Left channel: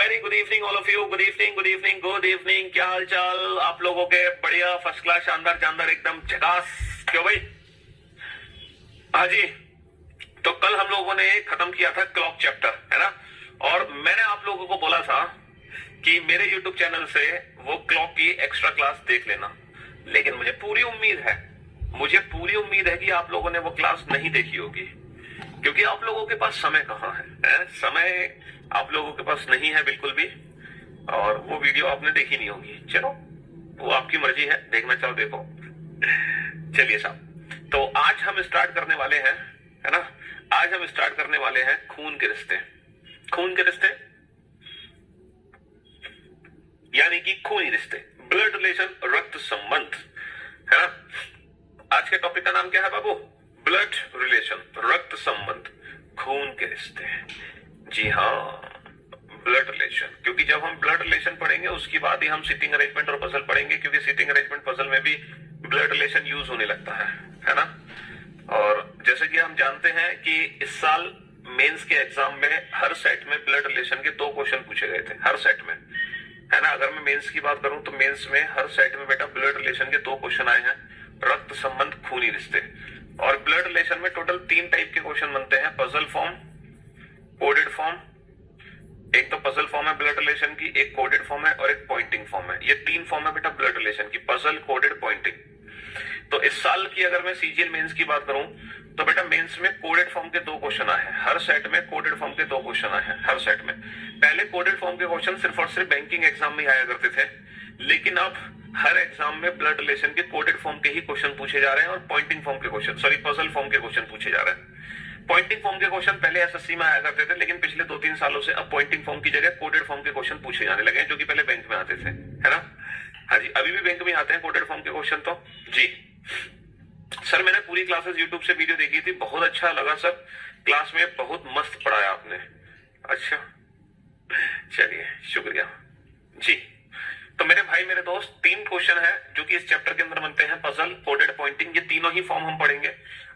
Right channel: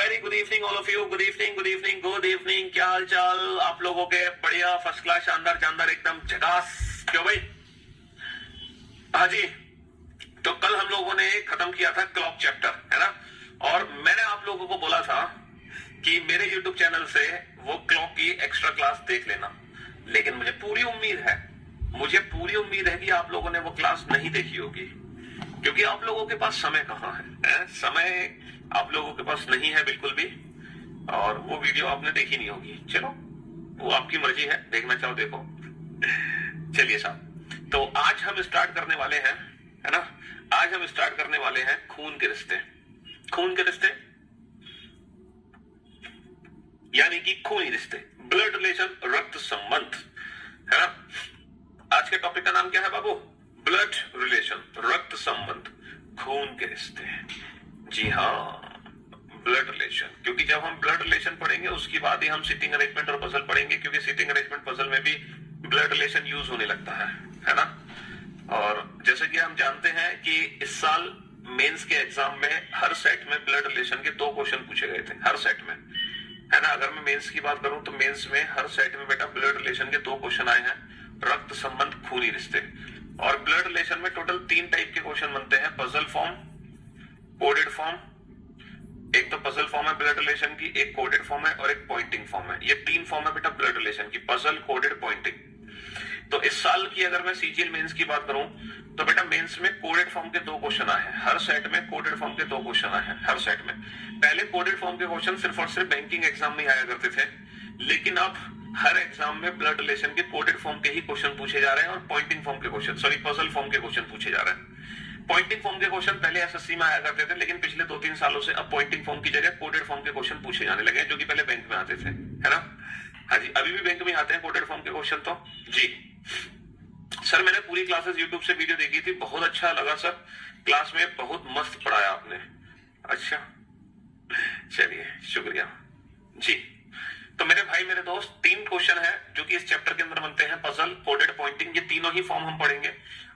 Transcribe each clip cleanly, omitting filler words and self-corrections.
Very good evening all of you. Good evening, good evening, good evening. क्या हाल चाल आप लोगों के? बढ़िया, फर्स्ट क्लास, शानदार शानदार, एकदम झकास। क्यों भाई? हाँ जी। तो कल हम लोगों ने खत्म किया था क्लॉक चैप्टर, है ना? और मैंने आप लोगों को बोला था कि मेरे यूट्यूब चैनल से वो क्लॉक की एक्स्ट्रा क्लास देख लेना, लेकिन मुझे पूरी उम्मीद है कि आप लोगों ने वो क्लास नहीं देखी होगी, क्योंकि आप लोगों के पास समय कहाँ है? समय आप लोगों के पास नहीं है बिल्कुल भी, और वो वीडियो आपने देखी नहीं होगी। चलो, वो आपकी मर्जी है, देखना चाहो देखो। चलिए साहब, तो आज हम स्टार्ट करने वाले हैं, है ना? आज हम स्टार्ट करने वाले हैं खून के रिश्ते। खून के रिश्ते यानी कि खूनी रिश्ते, ब्लड रिलेशन, रक्त संबंध, है ना? आज के टॉपिक का नाम क्या है बाबू? ब्लड रिलेशन, रक्त संबंध, खून के रिश्ते। जी हाँ, ब्लड रिलेशन। क्योंकि जब हम ब्लड रिलेशन पढ़ेंगे उसके बाद ही हम सिटिंग अरेंजमेंट और पजल पढ़ेंगे, क्योंकि सिटिंग अरेंजमेंट पजल में भी ब्लड रिलेशन यूज होने लगता है ना? और जैसे कि हम जानते हैं कि इस साल मेंस के एग्जाम में हर सेट में ब्लड रिलेशन के 2 क्वेश्चन पूछे गए थे, हर सेट में, है ना? अगर मैं मेंस की बात करूं तो मेंस में हर सेट में बेटा ब्लड रिलेशन के 2 क्वेश्चन आए हैं, रक्त संबंध, खूनी रिश्ते। और ब्लड रिलेशन में टोटल 3 टाइप के क्वेश्चन बनते हैं, पजल फॉर्म, कोडेड फॉर्म। एक तो पजल फॉर्म है ब्लड रिलेशन की, एक कोडेड फॉर्म है और एक पॉइंटिंग फॉर्म है। ये 3 फॉर्म है बेटा ब्लड रिलेशन की, पजल, कोडेड, पॉइंटिंग। तो इस साल की अगर मैं सीजीएल मेंस की बात करूं तो बेटा मेंस में कोडेड फॉर्म के 2 क्वेश्चन आए हैं, हर सेट में कोडेड फॉर्म के 2 क्वेश्चन आए हैं, हर सेट में। पहले कोडेड फॉर्म के क्वेश्चन सिर्फ और सिर्फ बैंकिंग एग्जाम में आया करते थे, लेकिन अब हर एग्जाम में ब्लड रिलेशन के कोडेड फॉर्म के ही क्वेश्चन पूछे जा रहे हैं और पॉइंटिंग फॉर्म के क्वेश्चन, सॉरी पजल फॉर्म के क्वेश्चन पूछे जा रहे हैं। पॉइंटिंग फॉर्म के क्वेश्चन पहले एसएससी में आया करते थे, लेकिन पिछले 2-3 सालों से अब पॉइंटिंग फॉर्म की जगह कोडेड फॉर्म के क्वेश्चन पूछे जाने लगे हैं, जो कि पहले बैंक में आते थे, है ना? हाँ जी, अभी भी बैंक में आते हैं कोडेड फॉर्म के क्वेश्चन तो जी। सर मैंने पूरी क्लासेस यूट्यूब से वीडियो देखी थी, बहुत अच्छा लगा सर, क्लास में बहुत मस्त पढ़ाया आपने। अच्छा, चलिए शुक्रिया जी। तो मेरे भाई मेरे दोस्त, 3 क्वेश्चन है जो कि इस चैप्टर के अंदर बनते हैं, पजल, कोडेड, पॉइंटिंग, ये तीनों ही फॉर्म हम पढ़ेंगे।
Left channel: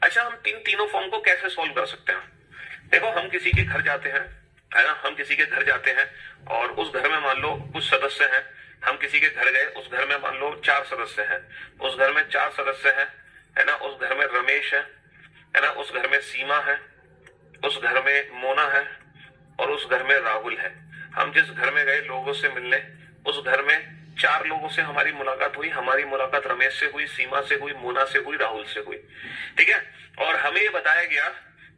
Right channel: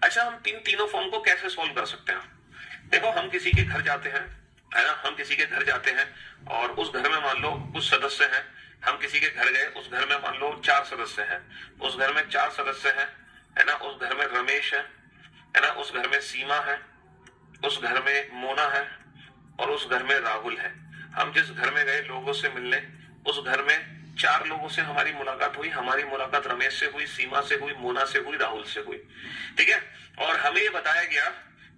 अच्छा, हम तीनों फॉर्म को कैसे सॉल्व कर सकते हैं? देखो, हम किसी के घर जाते हैं, है ना? हम किसी के घर जाते हैं और उस घर में मान लो कुछ सदस्य हैं। हम किसी के घर गए, उस घर में मान लो 4 सदस्य हैं, उस घर में 4 सदस्य हैं, है ना? उस घर में रमेश है ना? उस घर में सीमा है, उस घर में मोना है और उस घर में राहुल है। हम जिस घर में गए लोगों से मिलने, उस घर में 4 लोगों से हमारी मुलाकात हुई। हमारी मुलाकात रमेश से हुई, सीमा से हुई, मोना से हुई, राहुल से हुई, ठीक है? और हमें ये बताया गया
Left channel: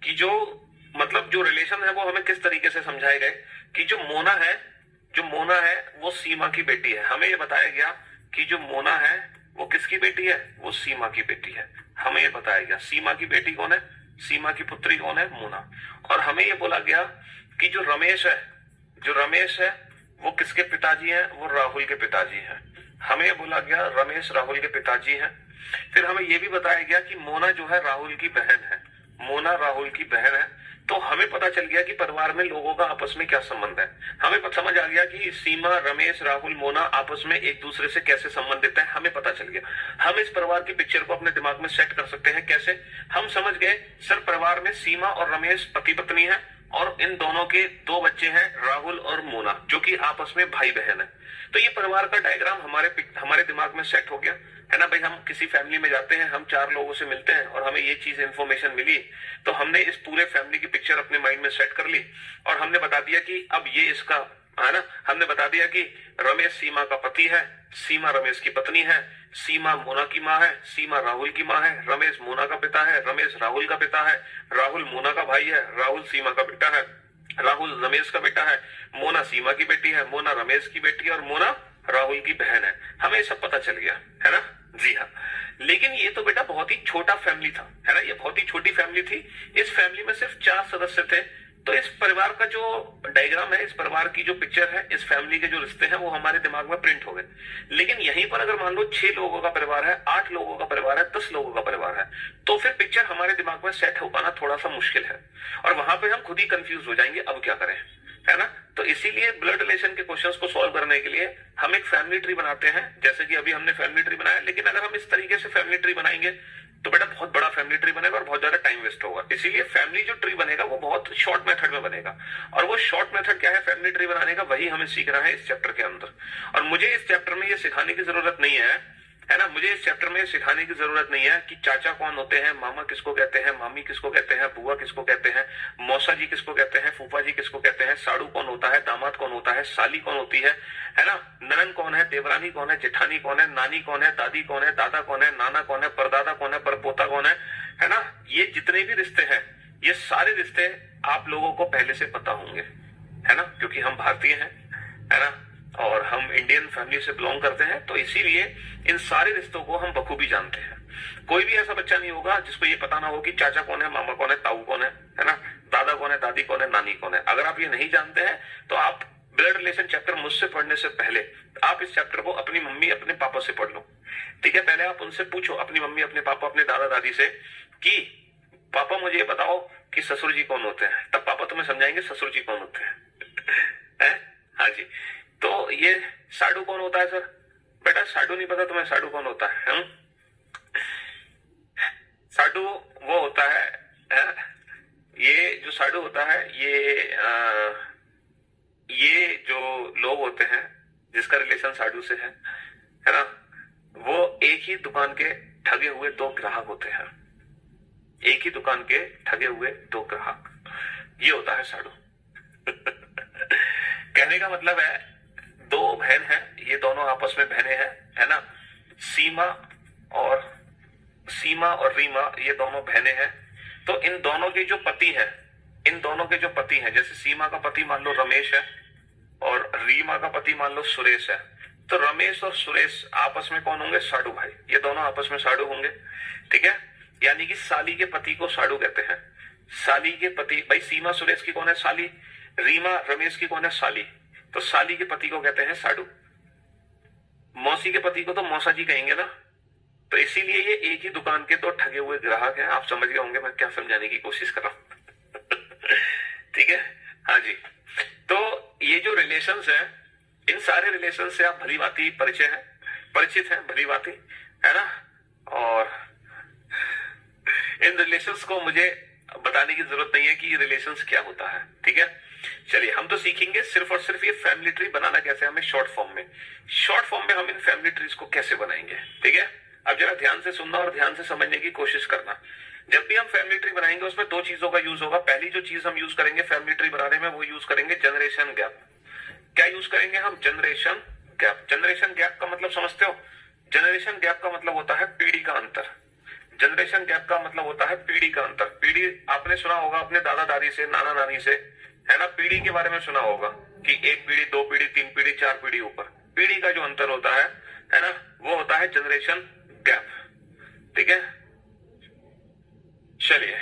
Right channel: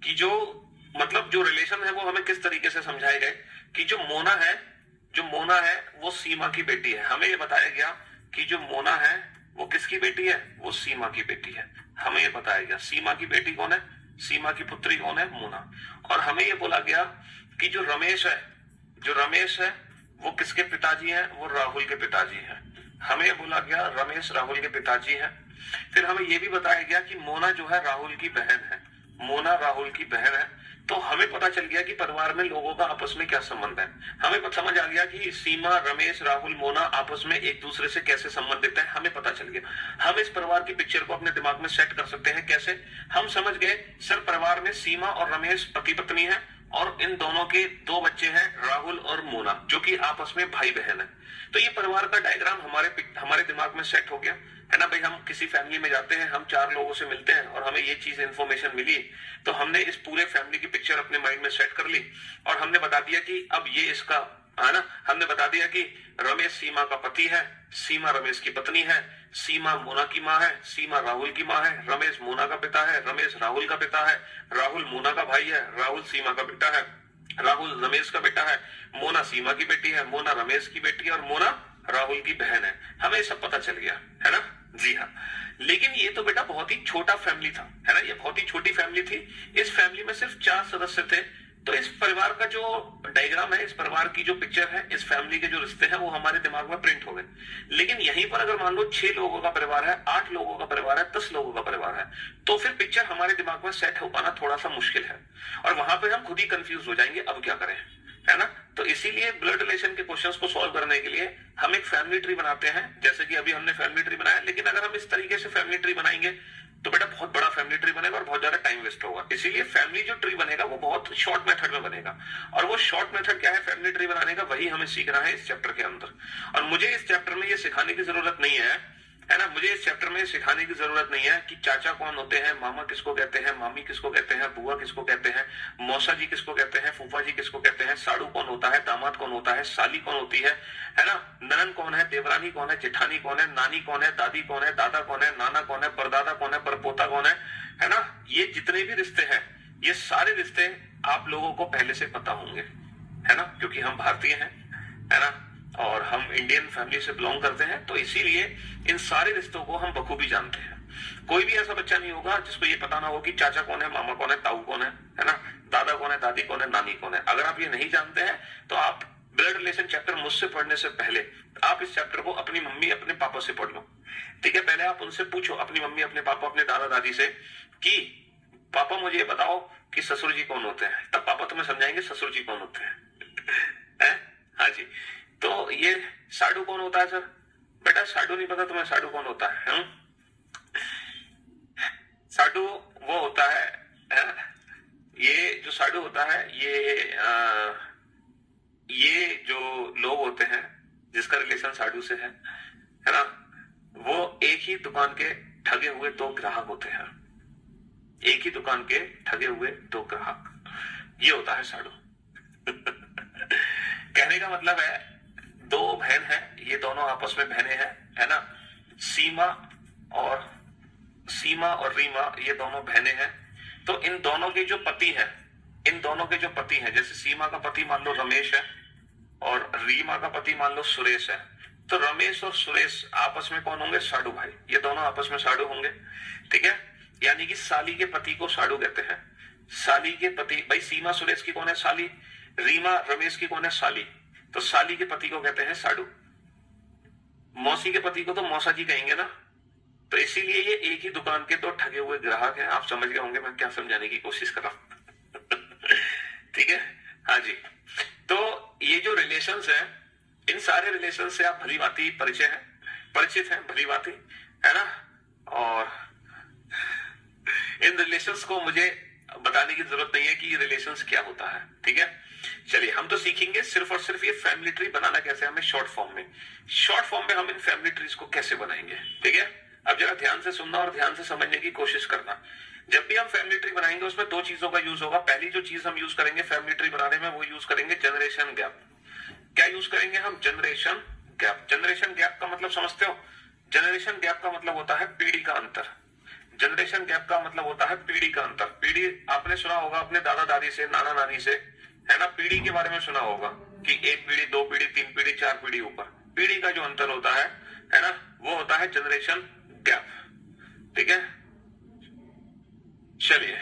कि जो मतलब जो रिलेशन है वो हमें किस तरीके से समझाए गए कि जो मोना है वो सीमा की बेटी है। हमें ये बताया गया कि जो मोना है वो किसकी बेटी है? वो सीमा की बेटी है। हमें ये बताया गया सीमा की बेटी कौन है, सीमा की पुत्री कौन है? मोना। और हमें ये बोला गया कि जो रमेश है वो किसके पिताजी हैं? वो राहुल के पिताजी हैं। हमें ये बोला गया रमेश राहुल के पिताजी हैं। फिर हमें ये भी बताया गया कि मोना जो है राहुल की बहन है, मोना राहुल की बहन है। तो हमें पता चल गया कि परिवार में लोगों का आपस में क्या संबंध है। हमें समझ आ गया कि सीमा, रमेश, राहुल, मोना आपस में एक दूसरे से कैसे संबंधित है, हमें पता चल गया। हम इस परिवार की पिक्चर को अपने दिमाग में सेट कर सकते हैं। कैसे? हम समझ गए, सर परिवार में सीमा और रमेश पति पत्नी है और इन दोनों के 2 बच्चे हैं, राहुल और मोना, जो कि आपस में भाई बहन है। तो ये परिवार का डायग्राम हमारे दिमाग में सेट हो गया, है ना भाई? हम किसी फैमिली में जाते हैं, हम 4 लोगों से मिलते हैं और हमें ये चीज इंफॉर्मेशन मिली, तो हमने इस पूरे फैमिली की पिक्चर अपने माइंड में सेट कर ली और हमने बता दिया कि अब ये इसका, है ना? हमने बता दिया कि रमेश सीमा का पति है, सीमा रमेश की पत्नी है, सीमा मोना की माँ है, सीमा राहुल की माँ है, रमेश मोना का पिता है, रमेश राहुल का पिता है, राहुल मोना का भाई है, राहुल सीमा का बेटा है, राहुल रमेश का बेटा है, मोना सीमा की बेटी है, मोना रमेश की बेटी है और मोना राहुल की बहन है। हमें सब पता चल गया, है ना? जी हाँ। लेकिन ये तो बेटा बहुत ही छोटा फैमिली था, है ना? ये बहुत ही छोटी फैमिली थी। इस फैमिली में सिर्फ 4 सदस्य थे। तो इस परिवार का जो डायग्राम है, इस परिवार की जो पिक्चर है, इस फैमिली के जो रिश्ते हैं वो हमारे दिमाग में प्रिंट हो गए। लेकिन यहीं पर अगर मान लो 6 लोगों का परिवार है, 8 लोगों का परिवार है, 10 लोगों का परिवार है, तो फिर पिक्चर हमारे दिमाग में सेट हो पाना थोड़ा सा मुश्किल है और वहां पे हम खुद ही कंफ्यूज हो जाएंगे, अब क्या करें, है ना? तो इसीलिए ब्लड रिलेशन के क्वेश्चंस को सॉल्व करने के लिए हम एक फैमिली ट्री बनाते हैं, जैसे कि अभी हमने फैमिली ट्री बनाया। लेकिन अगर हम इस तरीके से फैमिली ट्री बनाएंगे तो बेटा बहुत बड़ा फैमिली ट्री बनेगा और बहुत ज्यादा टाइम वेस्ट होगा। इसीलिए फैमिली जो ट्री बनेगा वो बहुत शॉर्ट मेथड में बनेगा। और वो शॉर्ट मेथड क्या है फैमिली ट्री बनाने का, वही हमें सीखना है इस चैप्टर के अंदर। और मुझे इस चैप्टर में ये सिखाने की जरूरत नहीं है ना, मुझे इस चैप्टर में सिखाने की जरूरत नहीं है कि चाचा कौन होते हैं, मामा किसको कहते हैं, मामी किसको कहते हैं, बुआ किसको कहते हैं, मौसा जी किसको कहते हैं, फूफा जी किसको कहते हैं, साड़ू कौन होता है, दामाद कौन होता है, साली कौन होती है ना, ननन कौन है, देवरानी कौन है, जेठानी कौन है, नानी कौन है, दादी कौन है, दादा कौन है, नाना कौन है, परदादा कौन है, परपोता कौन है ना। ये जितने भी रिश्ते हैं, ये सारे रिश्ते आप लोगों को पहले से पता होंगे, है ना, क्योंकि हम भारतीय हैं, है ना, और हम इंडियन फैमिली से बिलोंग करते हैं, तो इसीलिए इन सारे रिश्तों को हम बखूबी जानते हैं। कोई भी ऐसा बच्चा नहीं होगा जिसको ये पता ना हो कि चाचा कौन है, मामा कौन है, ताऊ कौन है ना, दादा कौन है, दादी कौन है, नानी कौन है। अगर आप ये नहीं जानते हैं तो आप ब्लड रिलेशन चैप्टर मुझसे पढ़ने से पहले आप इस चैप्टर को अपनी मम्मी अपने पापा से पढ़ लो, ठीक है। पहले आप उनसे पूछो, अपनी मम्मी अपने पापा अपने दादा दादी से, कि पापा मुझे ये बताओ कि ससुर जी कौन होते हैं, तब पापा तुम्हें समझाएंगे ससुर जी कौन होते हैं। हाँ जी। तो ये साडू कौन होता है सर? बेटा साडू नहीं पता तुम्हें, साडू कौन होता है? साडू वो होता है, ये जो साडू होता है ये जो लोग होते हैं जिसका रिलेशन साडू से है ना, वो एक ही दुकान के ठगे हुए दो ग्राहक होते हैं, एक ही दुकान के ठगे हुए दो ग्राहक, ये होता है साडू। कहने का मतलब है दो बहन हैं, ये दोनों आपस में बहनें हैं, है ना, सीमा और रीमा, ये दोनों बहनें हैं। तो इन दोनों के जो पति हैं, जैसे सीमा का पति मान लो रमेश है और रीमा का पति मान लो सुरेश है, तो रमेश और सुरेश आपस में कौन होंगे? साडू भाई। ये दोनों आपस में साडू होंगे, ठीक है। यानी कि साली के पति को साडू कहते हैं। साली के पति, भाई सीमा सुरेश की कौन है? साली। रीमा रमेश की कौन है? साली। तो साली के पति को कहते हैं साडू। मौसी के पति को तो मौसा जी कहेंगे ना। तो इसीलिए ये एक ही दुकान के दो ठगे हुए ग्राहक हैं। आप समझ गए होंगे मैं क्या समझाने की कोशिश कर रहा हूं। ठीक है, हाँ जी। तो ये जो रिलेशंस है, इन सारे रिलेशन से आप भली भांति परिचित हैं भली भांति, है ना। और इन रिलेशंस को मुझे बताने की जरूरत नहीं है कि ये रिलेशंस क्या होता है, ठीक है। चलिए हम तो सीखेंगे सिर्फ और सिर्फ ये फैमिली ट्री बनाना कैसे हमें शॉर्ट फॉर्म में हम इन फैमिली ट्रीज को कैसे बनाएंगे, ठीक है। अब जरा ध्यान से सुनना और ध्यान से समझने की कोशिश करना। जब भी हम फैमिली ट्री बनाएंगे उसमें दो चीजों का यूज होगा। पहली जो चीज हम यूज करेंगे फैमिली ट्री बनाने में, वो यूज करेंगे जनरेशन गैप। क्या यूज करेंगे हम? Generation gap. जनरेशन गैप का मतलब समझते हो? जनरेशन गैप का मतलब होता है पीढ़ी का अंतर। जनरेशन गैप का मतलब होता है पीढ़ी का अंतर। पीढ़ी आपने सुना होगा अपने दादा दादी से, नाना नानी से, है ना। पीढ़ी के बारे में सुना होगा कि एक पीढ़ी, दो पीढ़ी, तीन पीढ़ी, चार पीढ़ी ऊपर। पीढ़ी का जो अंतर होता है ना, वो होता है जनरेशन गैप, ठीक है। चलिए,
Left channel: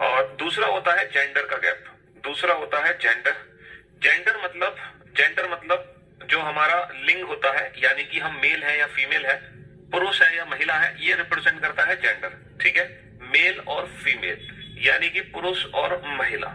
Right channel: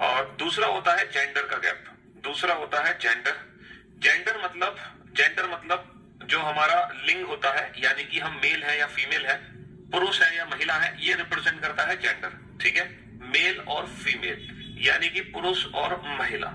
और दूसरा होता है जेंडर का गैप। दूसरा होता है जेंडर। जेंडर मतलब जो हमारा लिंग होता है, यानी कि हम मेल है या फीमेल है, पुरुष है या महिला है, ये रिप्रेजेंट करता है जेंडर, ठीक है। मेल और फीमेल यानी कि पुरुष और महिला।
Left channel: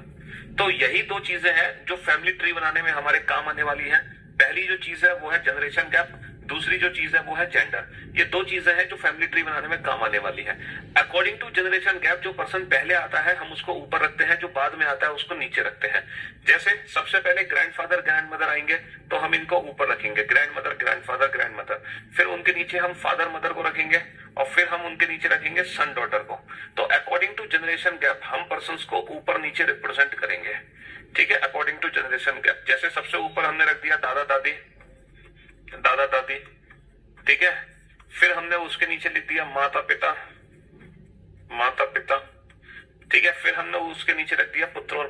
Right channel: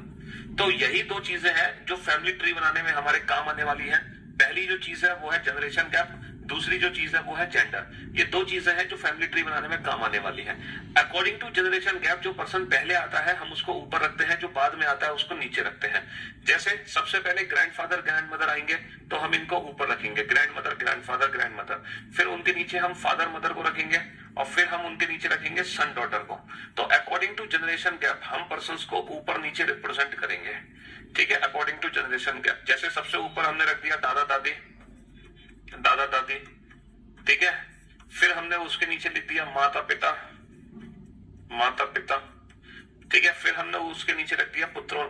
तो यही दो चीजें हैं जो फैमिली ट्री बनाने में हमारे काम आने वाली हैं। पहली जो चीज है वो है जनरेशन गैप, दूसरी जो चीज है वो है जेंडर। ये दो चीजें हैं जो फैमिली ट्री बनाने में काम आने वाली है। अकॉर्डिंग टू जनरेशन गैप जो पर्सन पहले आता है हम उसको ऊपर रखते हैं, जो बाद में आता है उसको नीचे रखते हैं। जैसे सबसे पहले ग्रैंडफादर ग्रैंडमदर आएंगे तो हम इनको ऊपर रखेंगे, ग्रैंडमदर ग्रैंडफादर ग्रैंडमदर। फिर उनके नीचे हम फादर मदर को रखेंगे और फिर हम उनके नीचे रखेंगे सन डॉटर को। तो अकॉर्डिंग टू जनरेशन गैप हम पर्सन को ऊपर नीचे रिप्रेजेंट करेंगे, ठीक है, अकॉर्डिंग टू जनरेशन गैप। जैसे सबसे ऊपर हमने रख दिया दादा दादी, ठीक है। फिर हमने उसके नीचे लिख दिया माता पिता, ठीक है। फिर हमने उसके नीचे रख दिया पुत्र और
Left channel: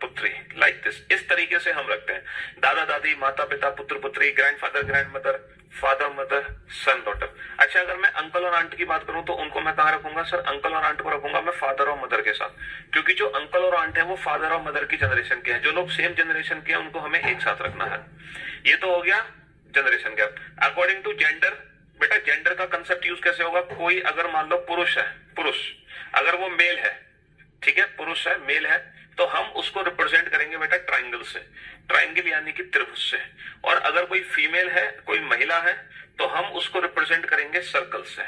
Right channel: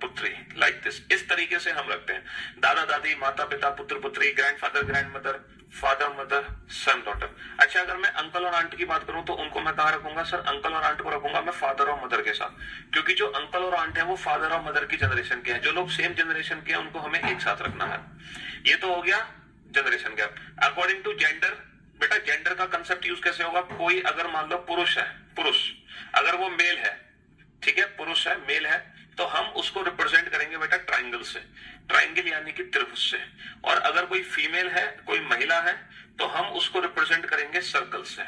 पुत्री, लाइक दिस। इस तरीके से हम रखते हैं दादा दादी, माता पिता, पुत्र पुत्री, grandfather grandmother, father mother, son daughter. अच्छा, अगर मैं अंकल और आंट की बात करूं तो उनको मैं कहां रखूंगा? सर अंकल और आंट को रखूंगा मैं फादर और मदर के साथ, क्योंकि जो अंकल और आंट है वो फादर और मदर की जनरेशन के हैं। जो लोग सेम जनरेशन के हैं उनको हमें एक साथ रखना है। ये तो हो गया generation gap. According to gender, बेटा जेंडर का कंसेप्ट यूज कैसे होगा? कोई अगर मान लो पुरुष है, अगर वो मेल है, ठीक है, पुरुष है, मेल है, तो हम उसको रिप्रेजेंट करेंगे बेटा ट्राइंगल से। ट्राइंगल यानी कि त्रिभुज से। और अगर कोई फीमेल है, कोई महिला है, तो हम उसको रिप्रेजेंट करेंगे सर्कल से।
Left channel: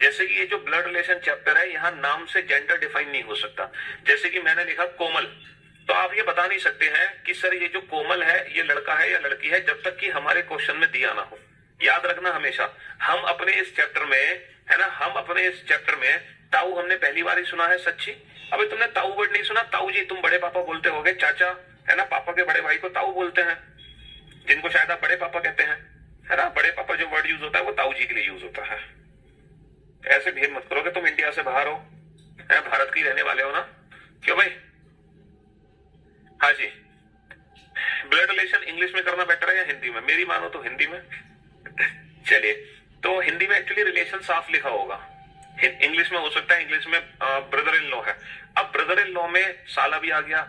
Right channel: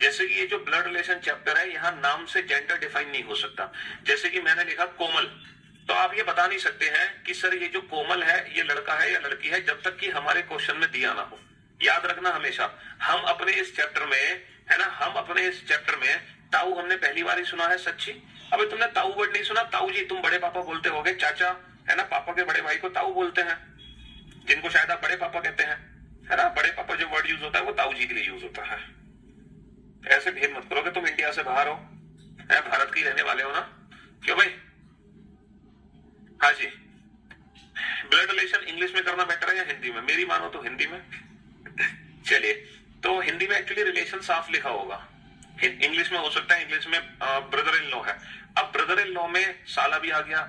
जैसे कि ये जो ब्लड रिलेशन चैप्टर है, यहाँ नाम से जेंडर डिफाइन नहीं हो सकता। जैसे कि मैंने लिखा कोमल, तो आप ये बता नहीं सकते हैं कि सर ये जो कोमल है ये लड़का है या लड़की है, जब तक कि हमारे क्वेश्चन में दिया ना हो। याद रखना हमेशा, हम अपने इस चैप्टर में, है ना, हम अपने इस चैप्टर में ताऊ हमने पहली बार ही सुना है सच्ची। अभी तुमने ताऊ वर्ड नहीं सुना। ताऊ जी तुम बड़े पापा बोलते होगे, चाचा, है ना, पापा के बड़े भाई को ताऊ बोलते हैं, जिनको शायद आप बड़े पापा कहते हैं, है ना। बड़े पापा जो वर्ड यूज होता है वो ताऊ जी के लिए यूज होता है। ऐसे भेद मत करोगे, तुम इंडिया से बाहर हो, है, भारत के रहने वाले हो ना, क्यों भाई? हाँ जी, ब्लड रिलेशन इंग्लिश में करना बेटर है या हिंदी में? मेरी मानो तो हिंदी में। चलिए, तो हिंदी में एक्चुअली रिलेशन साफ लिखा होगा, इंग्लिश में हो सकता है, इंग्लिश में ब्रदर इन लॉ है। अब ब्रदर इन लॉ में साला भी आ गया,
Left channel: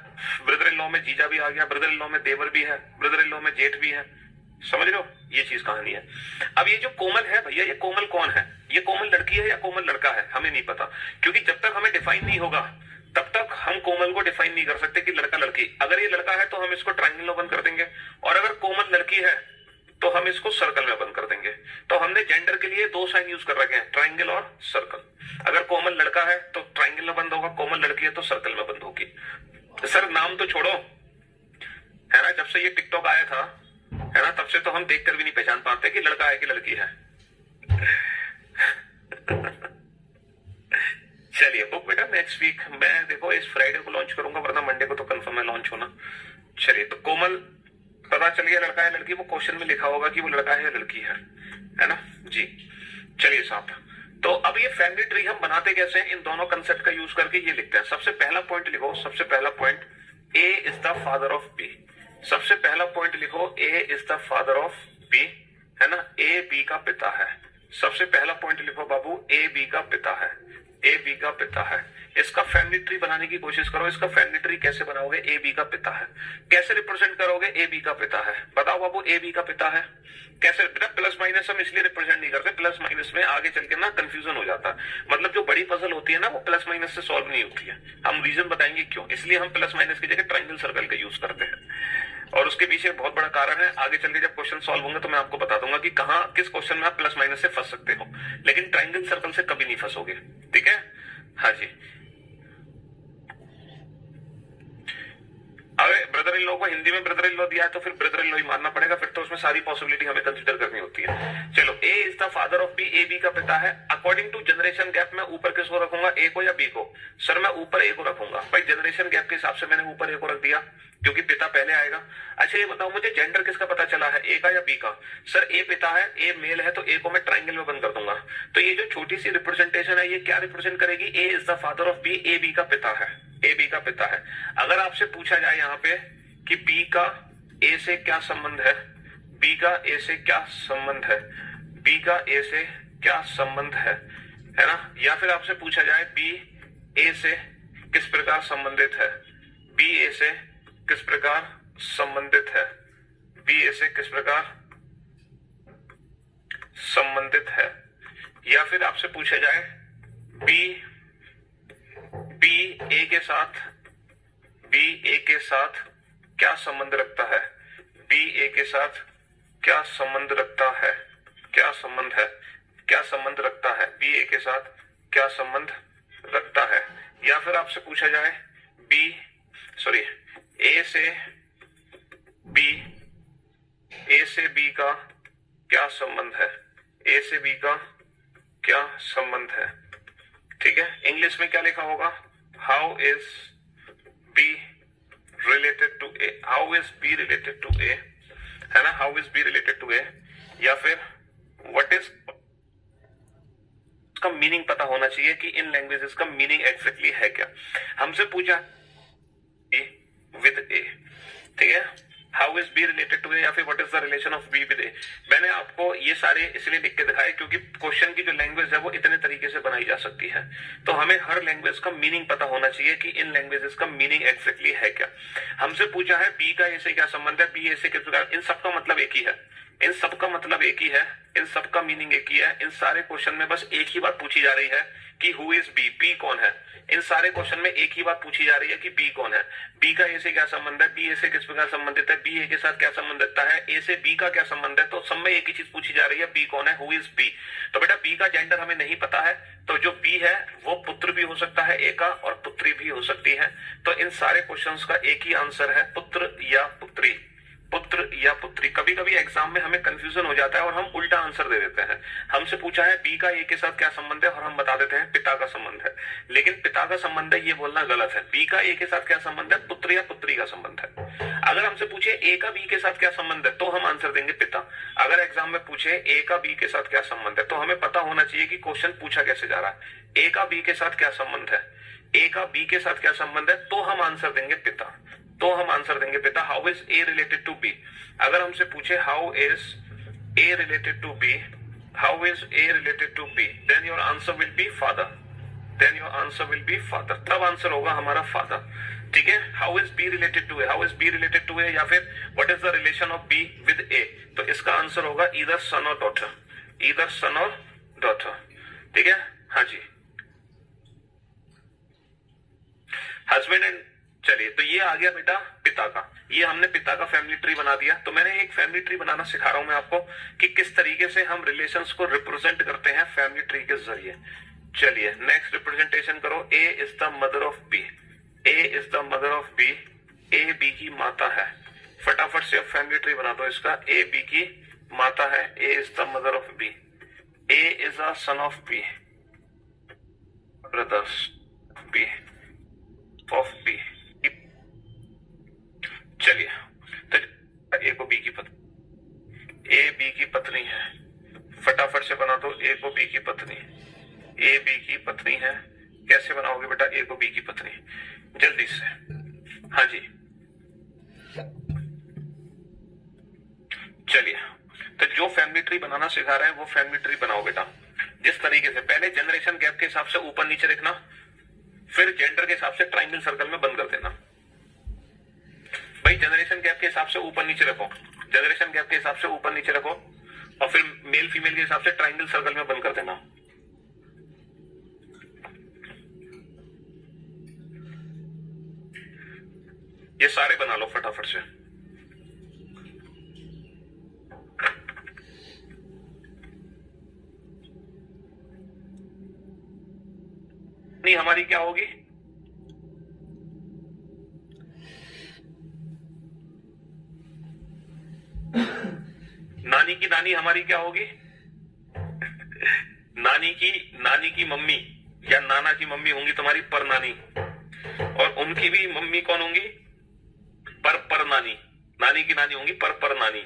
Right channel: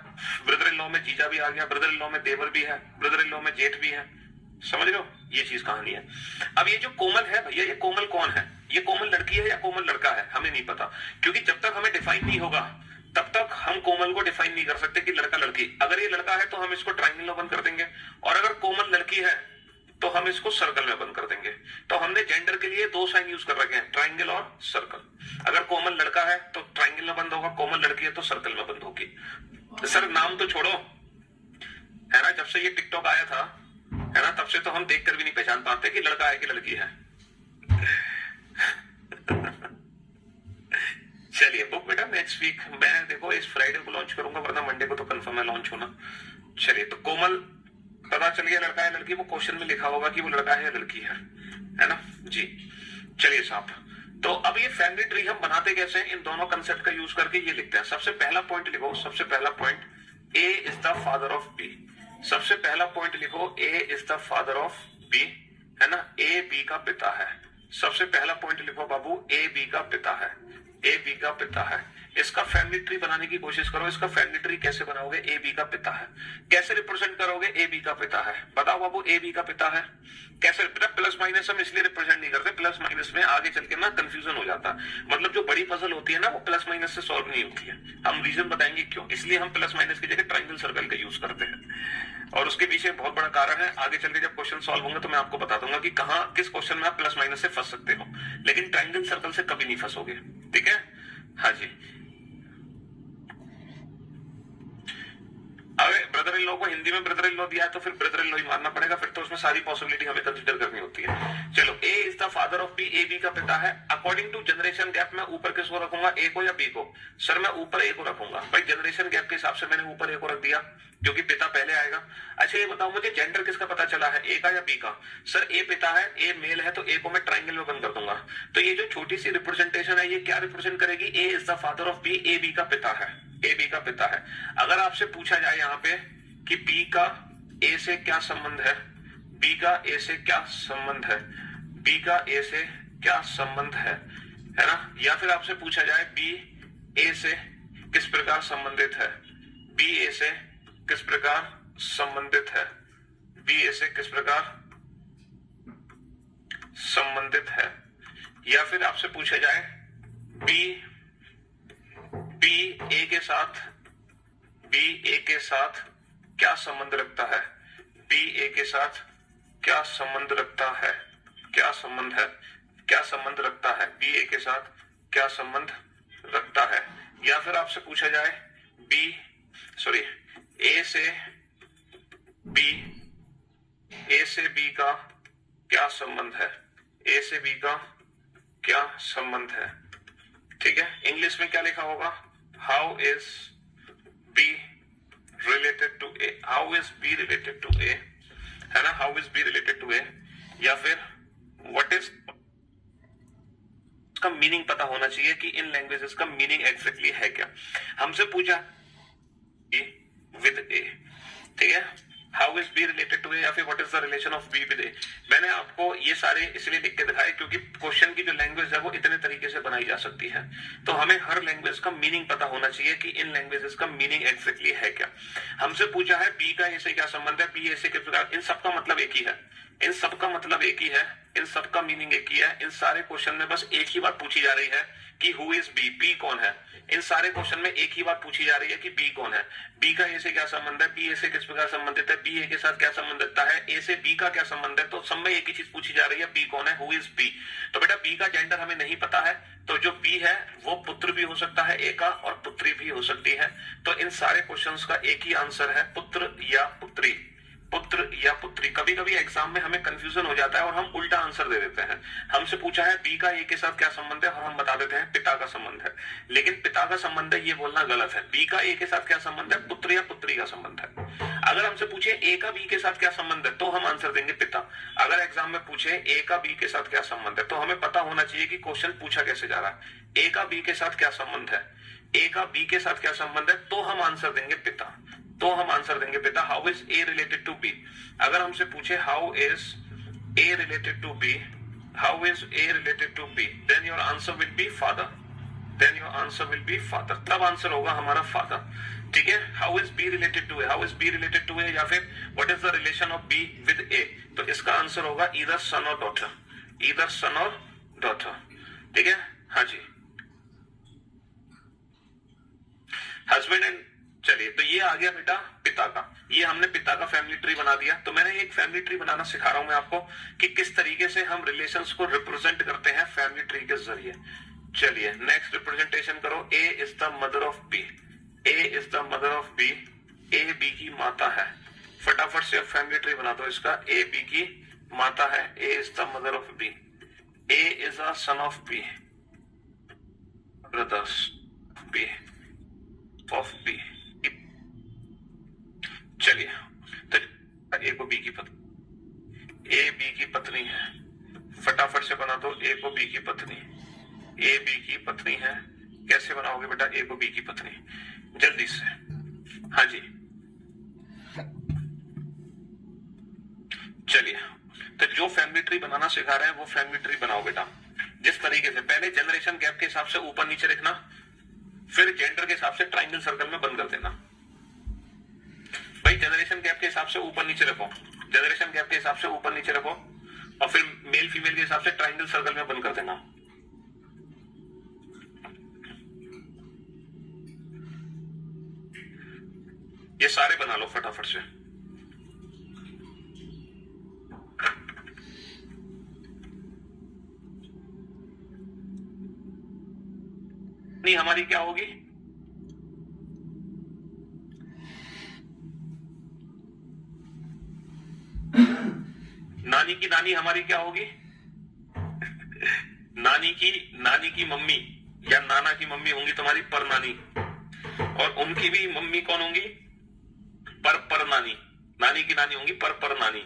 ब्रदर इन लॉ में जीजा भी आ गया, ब्रदर इन लॉ में देवर भी है, ब्रदर इन लॉ में जेठ भी है। समझ रहे हो, ये चीज कहानी है। अब ये जो कोमल है भैया, ये कोमल कौन है? ये कोमल लड़की है या कोमल लड़का है? हमें नहीं पता, क्योंकि जब तक हमें डिफाइन नहीं होगा तब तक हम कोमल को डिफाइन नहीं कर सकते कि लड़का लड़की। अगर ये लड़का है तो हम इसको ट्रायंगल में बंद कर देंगे, और अगर कोमल लड़की है तो हम इसको सर्कल में बंद कर देंगे। तो हमने जेंडर के लिए दो साइन यूज कर रखे हैं, ट्रायंगल और सर्कल। अगर कोमल लड़का है तो ट्रायंगल में बंद होगा, कोमल लड़की है तो सर्कल में बंद होगी। सर नाम तो छोड़ो, है ना, जब से ये टिकटॉक आया था, है ना, तब से तो हम देखकर भी नहीं पहचान पाते कि लड़का है कि लड़की है। चलिए, बुक बेटा नेक्स्ट वीक मैं देखो इस फ्राइडे को लॉन्च करूंगा, वरना मंडे को तो कंफर्म है लॉन्च होना। चलिए, तो कोमल पता चल गया लड़का है लड़की, वो क्वेश्चन में लिखा होगा कि वो लड़का है या लड़की है ना जी। चलिए साहब, तो अब ये फैमिली ट्री हम बनाते कैसे हैं? इन दोनों कंसेप्ट का यूज करके ये लिखते हैं। सबसे पहला पॉइंट लिखो, सबसे पहला point, A is the father of B. सबसे पहला पॉइंट लिखो, A is the father of B, है ना, ए बी का पिता है। सबसे पहला पॉइंट लिखो बाबू, ए बी का पिता है, ए बी का पिता है। इसका फैमिली ट्री बनाने की कोशिश करो। इसका फैमिली ट्री कैसे बनाओगे? ए बी का पिता है कैसे रिप्रेजेंट करोगे? ए बी का पिता है, बताओ बाबू, ए बी का पिता है कैसे? बेटा प्लस माइनस हम इसलिए रिप्रेजेंट नहीं करते, प्लस माइनस में आगे चल के ना कंफ्यूजन हो जाता है। मतलब जो बड़ी पजल होती है ना, वो प्लस माइनस से सॉल्व नहीं होती है। हम रीजन बताएंगे क्यों, इसलिए हम प्लस माइनस की जगह ट्रायंगल सर्कल का यूज करते हैं। और उसके पीछे बहुत बड़ा कारण है, आगे चल के जब क्वेश्चन सॉल्व होंगे तो मैं आपको बता दूंगा कि कहां किस क्वेश्चन में आप प्लस माइनस से फंस सकते हो, लेकिन ट्रायंगल सर्कल से कभी नहीं फंसोगे। ठीक है, हाँ जी। अरे ब्रदर इन लॉ को हिंदी में ब्रदर इन लॉ दिया है तो फिर ब्रदर इन लॉ ही मानना पड़ेगा, फिर तो उसमें सारी पॉसिबिलिटी हमें कंसीडर करनी होती है। चलो, A is the father of B, A B का पिता है। अकॉर्डिंग टू जनरेशन गैप मैं ऊपर किसको रखूंगा, ए को या बी को? सर मैं ऊपर ए को रखूंगा भाई, जनरेशन गैप के हिसाब से मैंने ऊपर ए को रख दिया क्योंकि पिता पहले आएगा। अच्छा ये बताओ मुझे जेंडर किसका पता चला है, ए का या बी का? सर ए पिता है, ए मेल है, तो ए को मैं ट्रायंगल में बंद कर दूंगा। तो ये जो छोटी सी रिप्रेजेंटेशन है ये क्या रिप्रेजेंट करेगी? A is the father of B, A B का पिता है, ए बी का पिता है। अगर आपसे पूछा जाए यहाँ पे कि बी का ए से क्या संबंध है, बी का ए से क्या संबंध है, बी का ए से क्या संबंध है ना, या फिर आपसे पूछा जाए बी ए से किस प्रकार संबंधित है, बी ए से किस प्रकार संबंधित है, बी ए से किस प्रकार संबंधित है, या फिर आपसे पूछा जाए बी ए के साथ, बी ए के साथ क्या संबंध रखता है, बी ए के साथ क्या संबंध रखता है, क्या संबंध है, क्या संबंध रखता है, बी ए के साथ क्या संबंध रखता है। या फिर आपसे पूछा जाए ए से बी का क्या संबंध है, ए से बी का क्या संबंध है। ठीक है, इंग्लिश में क्या लिखा होगा, how is B related to A, how is B related to A, है ना, how is B related to A. या फिर व्हाट इज का मीनिंग पता होना चाहिए कि इन लैंग्वेजेस का मीनिंग एग्जैक्टली है क्या। हमसे पूछा विद ए, ठीक है, how is B related to A, या फिर what is the relation of B with A. मैंने आपको ये सारे इसलिए लिख के दिखाए क्योंकि क्वेश्चन की जो लैंग्वेज है वो इतने तरीके से बनाई जा सकती है, तो हमें हर लैंग्वेज का मीनिंग पता होना चाहिए कि इन लैंग्वेजेस का मीनिंग एग्जैक्टली है क्या। हमसे पूछा है बी का ए से क्या संबंध है, बी ए से किस प्रकार, इन सबका मतलब एक ही है, इन सब का मतलब एक ही है, इन सब का मीनिंग एक ही है। इन सारे क्वेश्चन में बस एक ही बात पूछी जा रही है कि हु इज बी, बी कौन है। इन सारे क्वेश्चन में एक ही बात पूछी जा रही है कि बी कौन है, बी का ए से क्या संबंध है, बी ए से किस प्रकार संबंधित है, बी ए के साथ क्या संबंध रखता है, ए से बी का क्या संबंध है। तो सब में एक ही चीज पूछी जा रही है, बी कौन है, हु इज बी। तो बेटा बी का जेंडर हमें नहीं पता है, तो जो बी है वो पुत्र भी हो सकता है ए का और पुत्री भी हो सकती है। तो इन सारे क्वेश्चंस का एक ही आंसर है, पुत्र या पुत्री, पुत्र या पुत्री। कभी कभी एग्जाम में हमें कंफ्यूजन हो जाता है और हम उल्टा आंसर दे देते हैं। हमसे पूछा है बी का ए के साथ क्या संबंध है और हम बता देते हैं पिता का संबंध है, लेकिन पिता का संबंध है ये बोलना गलत है। बी का ए के साथ क्या संबंध है, पुत्र या पुत्री का संबंध है। अगर हमसे पूछे ए का बी के साथ क्या संबंध है तो हम आंसर देंगे पिता। अगर एग्जाम में पूछे ए का बी के साथ क्या संबंध है तो हमें पता होना चाहिए कि क्वेश्चन पूछा कैसे जा रहा है। ए का बी के साथ क्या संबंध है, ए का बी के साथ क्या संबंध है, तो हम आंसर देंगे पिता, तो हम आंसर देंगे पिता। How is A related to B, अगर हमसे पूछे how is A related to B, how is A related to B, then your answer will be father, then your answer will be father, तब answer होगा हमारा father. ठीक है, how is B related to A, how is B related to A, या फिर what is the relation of B with A, तो इसका answer होगा ईदर सन और डॉटर, ईदर सन और डॉटर। ठीक है, हाँ जी, हस्बैंड एंड। चलिए, तो ये आ गया बेटा पिता का, ये हमने पिता का फैमिली ट्री बना दिया। तो मैंने एक फैमिली ट्री बनाना सिखा रहा हूं मैं आपको कि किस तरीके से हम रिलेशंस को रिप्रेजेंट करते हैं फैमिली ट्री के जरिए। चलिए नेक्स्ट रिप्रेजेंटेशन करो। A is the mother of B, A is the mother of B, A B की माता है। फटाफट से फैमिली ट्री बना दो इसका। ए बी की माता है, A is the mother of B, A is a son of B, brothers B of B. चलिए, तो ए को बी की पत्नी, ए बी की पत्नी है। फटाफट से बना दो ए को बी की पत्नी, ए बी की पत्नी है। कैसे बनाओगे बेटा ए को बी की पत्नी, जल्दी से। हाँ जी, चलिए, तो जो फैमिली ट्री बनाना सिखा रहे हैं वो फैमिली ट्री बनाओ बेटा। जिस तरीके से पहले जनरेशन गैप के हिसाब से ऊपर नीचे रखना, फिर जेंडर के हिसाब से ट्राइंगल सर्कल में बंद कर देना। भाई जनरेशन गैप के हिसाब से ऊपर नीचे रखो, जनरेशन गैप के हिसाब से ऊपर नीचे रखो, और फिर मेल फीमेल के हिसाब से ट्राइंगल सर्कल में बंद कर देना। ये सारे बना लो फटाफट से। नहीं, हमारी क्या होगी, नानी की नानी हमारी क्या होगी, नानी की मम्मी या नाना की मम्मी होंगी तुम्हारी पर नानी, और उनकी भी मम्मी कौन होंगी, पर नानी, नानी की नानी होंगी पर नानी।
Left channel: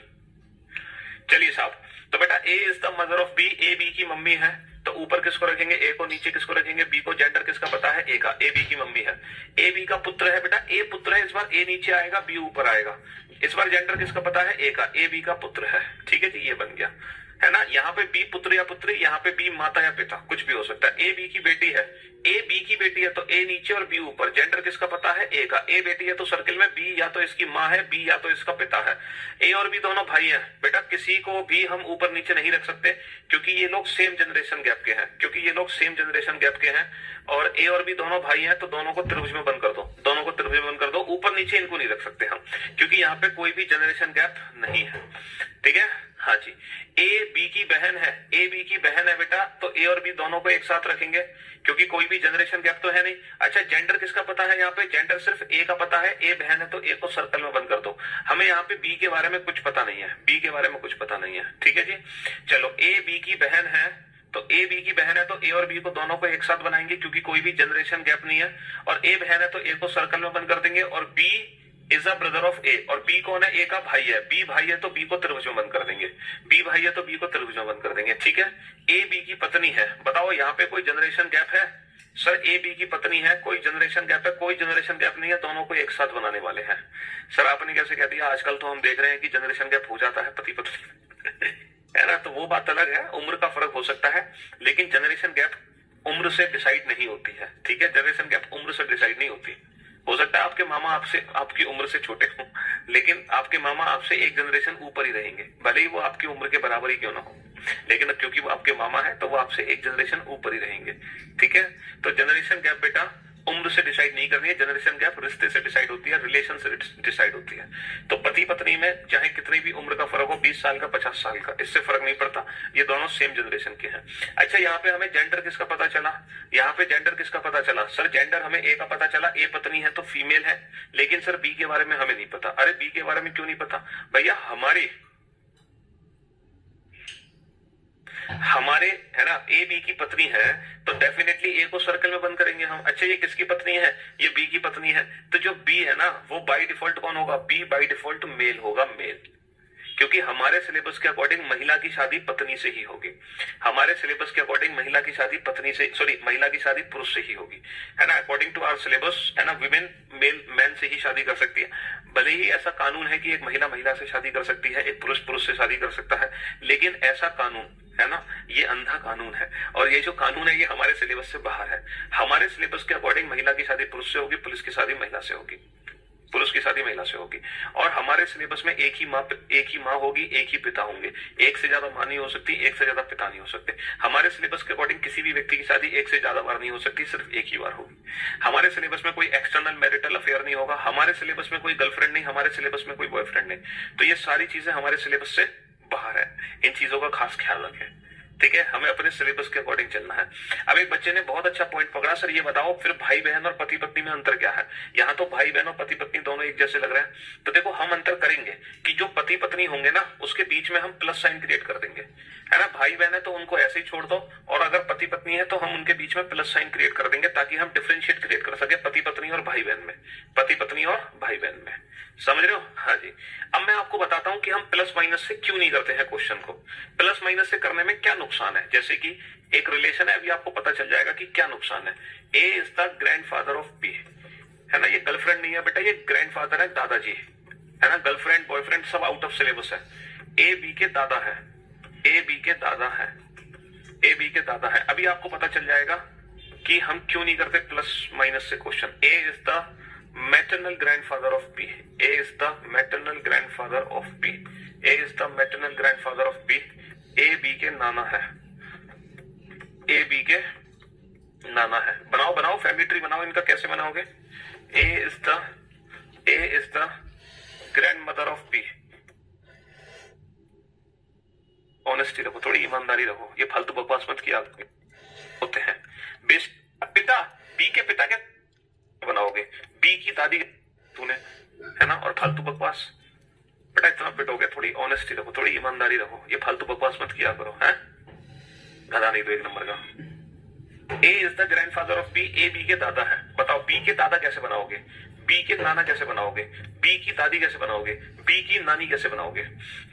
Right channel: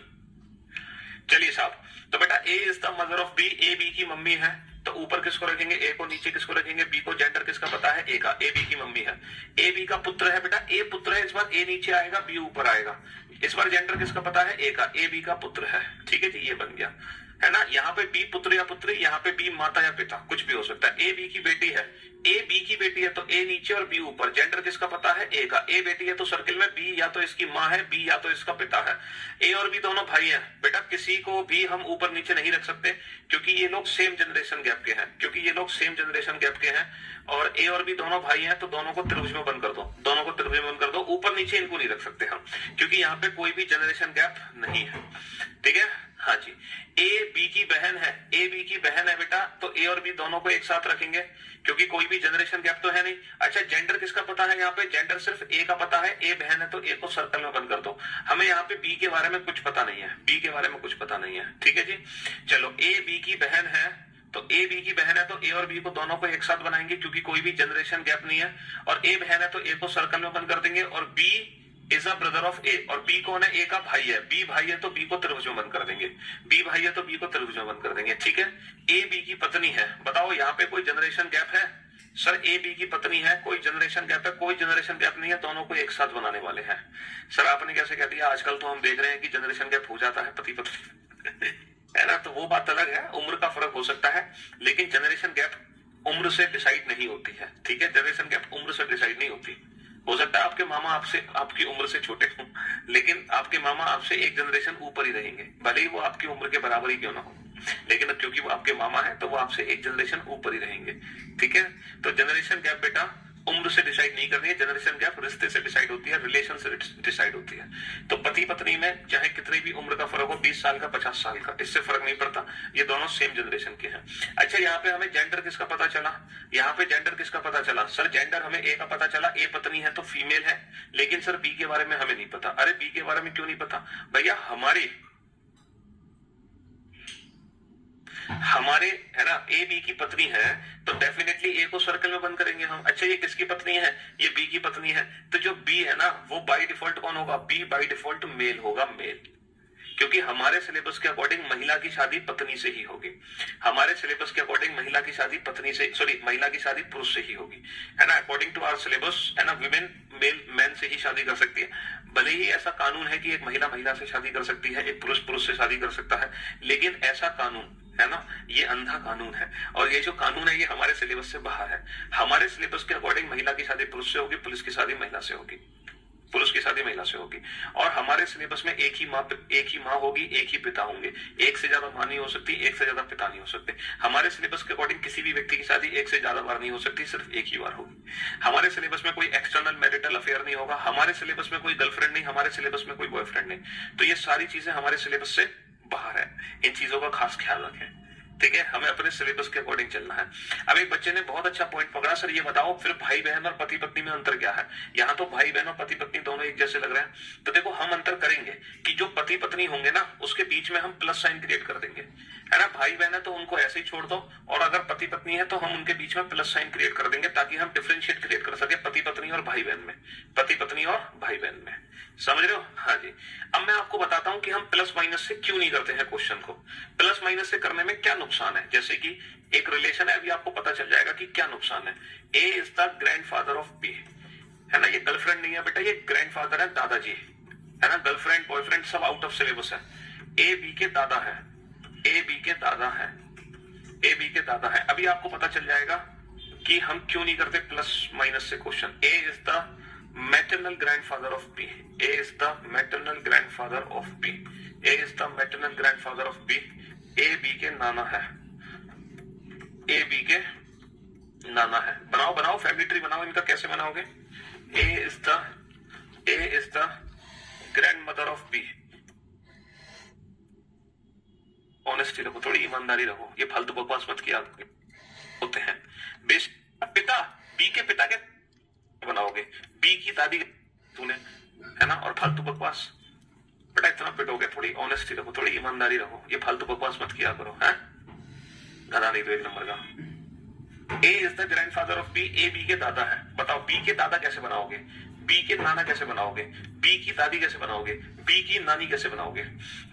चलिए साहब, तो बेटा A is the mother of B, A B की मम्मी है, तो ऊपर किसको रखेंगे, ए को, नीचे किसको रखेंगे, बी को। जेंडर किसका पता है, ए का, ए बी की मम्मी है। ए बी का पुत्र है बेटा, ए पुत्र है, इस बार ए नीचे आएगा बी ऊपर आएगा। इस बार जेंडर किसका पता है, ए का, ए बी का पुत्र है। ठीक है जी, ये बन गया है ना। यहाँ पे बी पुत्र या पुत्री, यहाँ पे बी माता या पिता, कुछ भी हो सकता है। ए बी की बेटी है, ए बी की बेटी है, तो ए नीचे और बी ऊपर। जेंडर किसका पता है, ए का। ए बेटी है तो सर्किल में बी या तो इसकी माँ है, बी या तो इसका पिता है। ए और बी दोनों भाई हैं बेटा, किसी को भी हम ऊपर नीचे नहीं रख सकते क्योंकि ये लोग सेम जनरेशन गैप के हैं, क्योंकि ये लोग सेम जनरेशन गैप के हैं। और ए और बी दोनों भाई हैं, तो दोनों को त्रिभुज में बंद कर दो, दोनों को त्रिभुज में बंद कर दो। ऊपर नीचे इनको नहीं रख सकते हम, क्योंकि यहाँ पे कोई भी जनरेशन गैप नहीं है। ठीक है, हाँ जी। ए बी की बहन है, ए बी की बहन है बेटा, तो ए और बी दोनों को एक साथ रखेंगे क्योंकि कोई भी जनरेशन गैप तो है नहीं। अच्छा, जेंडर किसका पता है, यहाँ पे जेंडर सिर्फ ए का पता है, ए बहन है तो ए को सर्कल में बंद कर दो। हमें यहाँ पे बी के बारे में कुछ पता नहीं है, बी के बारे में कुछ पता नहीं है। ठीक है जी, चलो, ए बी की बहन है, तो ए बी की बहन है तो ए और बी को दोनों को एक साथ बनाएंगे क्योंकि कोई भी जनरेशन गैप नहीं है। और ए बहन है तो ए को सर्कल में बंद कर देंगे। और B is a brother of A, और बी कौन है, ए का भाई है। बी भाई है तो बी को त्रिभुज में बंद कर देंगे, बी भाई है तो बी को त्रिभुज में बंद कर देंगे। ठीक है, ए बी की पत्नी है। बताओ यहाँ पे कोई जनरेशन गैप है, सर ए बी की पत्नी है, कोई जनरेशन गैप है, कोई जनरेशन गैप नहीं है, दोनों को एक साथ बनाने वाले हैं। सर आपने कैसे कह दिया, आजकल तो हम देख रहे हैं कि जनरेशन गैप हो जाता है पति पत्नी है ना, तो वो बात अलग है, उम्र का फर्क हो सकता है, लेकिन जनरेशन गैप उम्र से डिसाइड नहीं होती है। ठीक है, जनरेशन गैप उम्र से डिसाइड नहीं होती। हो सकता है आपके मामा आपसे आपकी उम्र से छोटे हों, लेकिन आपके मामा आपसे एक जनरेशन ऊपर ही रहेंगे, भले ही वो आपकी उम्र के बराबर ही क्यों ना हो, लेकिन क्योंकि वो आपके मामा है तो वो आपसे एक जनरेशन ऊपर ही रहेंगे। ठीक है, तो जनरेशन गैप बेटा उम्र से डिसाइड नहीं करनी है, जनरेशन गैप रिश्ते से डिसाइड होती है, रिलेशन से डिसाइड होती है। तो पति पत्नी में चाहे कितनी भी उम्र का फर्क हो, 20 साल का 50 साल का, इससे फर्क नहीं पड़ता, ये दोनों सेम जनरेशन के हैं। अच्छा, यहाँ पे हमें जेंडर किसका पता चला? यहाँ पे जेंडर किसका पता चला? सर जेंडर हमें ए का पता चला, ए पत्नी है तो फीमेल है, लेकिन सर बी के बारे में हमें नहीं पता। अरे बी के बारे में क्यों नहीं पता भैया? हमारे है ना ए बी की पत्नी है, तो डेफिनेटली ए को सर्कल में बंद करेंगे हम। अच्छा, ये किसकी पत्नी है? ये बी की पत्नी है, तो जो बी है ना वो बाय डिफॉल्ट कौन होगा? बी बाय डिफॉल्ट मेल होगा, मेल, क्योंकि हमारे सिलेबस के अकॉर्डिंग महिला की शादी पत्नी से ही होगी। हमारे सिलेबस के अकॉर्डिंग महिला की शादी पत्नी से, सॉरी, महिला की शादी पुरुष से ही होगी, है ना। अकॉर्डिंग टू आवर सिलेबस, है ना, विमेन मेल मैन से ही शादी कर सकती है। भले ही ऐसा कानून है कि एक महिला महिला से शादी कर सकती है, एक पुरुष पुरुष से शादी कर सकता है, लेकिन ऐसा कानून, है ना, ये अंधा कानून है, और ये जो कानून है ये हमारे सिलेबस से बाहर है। हमारे सिलेबस के अकॉर्डिंग महिला की शादी पुरुष से होगी, पुरुष की शादी महिला से होगी, पुरुष की शादी महिला से होगी। और हमारे सिलेबस में एक ही माँ होगी, एक ही पिता होंगे, एक से ज्यादा माँ नहीं हो सकती, एक से ज्यादा पिता नहीं हो सकते। हमारे सिलेबस के अकॉर्डिंग किसी भी व्यक्ति की शादी एक से ज्यादा बार नहीं हो सकती, सिर्फ एक ही बार होगी। हमारे सिलेबस में कोई एक्सटर्नल मैरिटल अफेयर नहीं होगा, हमारे सिलेबस में कोई गर्लफ्रेंड नहीं, हमारे सिलेबस में कोई बॉयफ्रेंड नहीं। तो ये सारी चीजें हमारे सिलेबस से बाहर है, इन चीजों का खास ख्याल रखें। ठीक है, हमें अपने सिलेबस के अकॉर्डिंग चलना है। अब एक बच्चे ने बहुत अच्छा पॉइंट पकड़ा, सर ये बताओ फिर भाई बहन और पति पत्नी में अंतर क्या है? यहाँ तो भाई बहन और पति पत्नी दोनों एक जैसे लग रहे हैं। तो देखो, हम अंतर करेंगे कि जो पति पत्नी होंगे ना उसके बीच में हम प्लस साइन क्रिएट कर देंगे, है ना। भाई बहन है तो उनको ऐसे ही छोड़ दो, और अगर पति पत्नी है तो हम उनके बीच में प्लस साइन क्रिएट कर देंगे, ताकि हम डिफरेंशिएट क्रिएट कर सके पति पत्नी और भाई बहन में, पति पत्नी और भाई बहन में। समझ रहे हो? हाँ जी। अब मैं आपको बताता हूं कि हम प्लस माइनस से क्यों नहीं करते हैं क्वेश्चन को, प्लस माइनस से करने में क्या नुकसान है। जैसे कि एक रिलेशन है, अभी आपको पता चल जाएगा कि क्या नुकसान है। A is the grandfather of B, है ना, ये गर्लफ्रेंड नहीं है बेटा, ये ग्रैंडफादर है, दादाजी, है ना। गर्लफ्रेंड बॉयफ्रेंड सब आउट ऑफ सिलेबस है। ए बी के दादा है, ए बी के दादा है, ए बी के दादा है। अभी आपको पता चल जाएगा कि हम क्यों नहीं करते प्लस माइनस से question. A is the maternal grandfather of B. A is the maternal grandfather of B. A is the maternal grandfather of B. A B के नाना है, A B के नाना है। बनाओ बनाओ, फैमिली ट्री बनाओ। इनका कैसे बनाओगे? A is the grandmother of B. Honesty रखो, थोड़ी ईमानदारी रखो, ये फालतू बकवास मत किया होते हैं। बेस पिता, बी के पिता के बनाओगे, बी की दादी तूने, है ना, और फालतू बकवास। बेटा इतना पिटोगे, थोड़ी ऑनेस्टी रखो, थोड़ी ईमानदारी रखो, ये फालतू बकवास मत किया करो, है गधा नहीं तो एक नंबर का। A is the grandfather of B, A B के दादा है। बताओ बी के दादा कैसे बनाओगे, बी के नाना कैसे बनाओगे, बी की दादी कैसे बनाओगे, बी की नानी कैसे बनाओगे?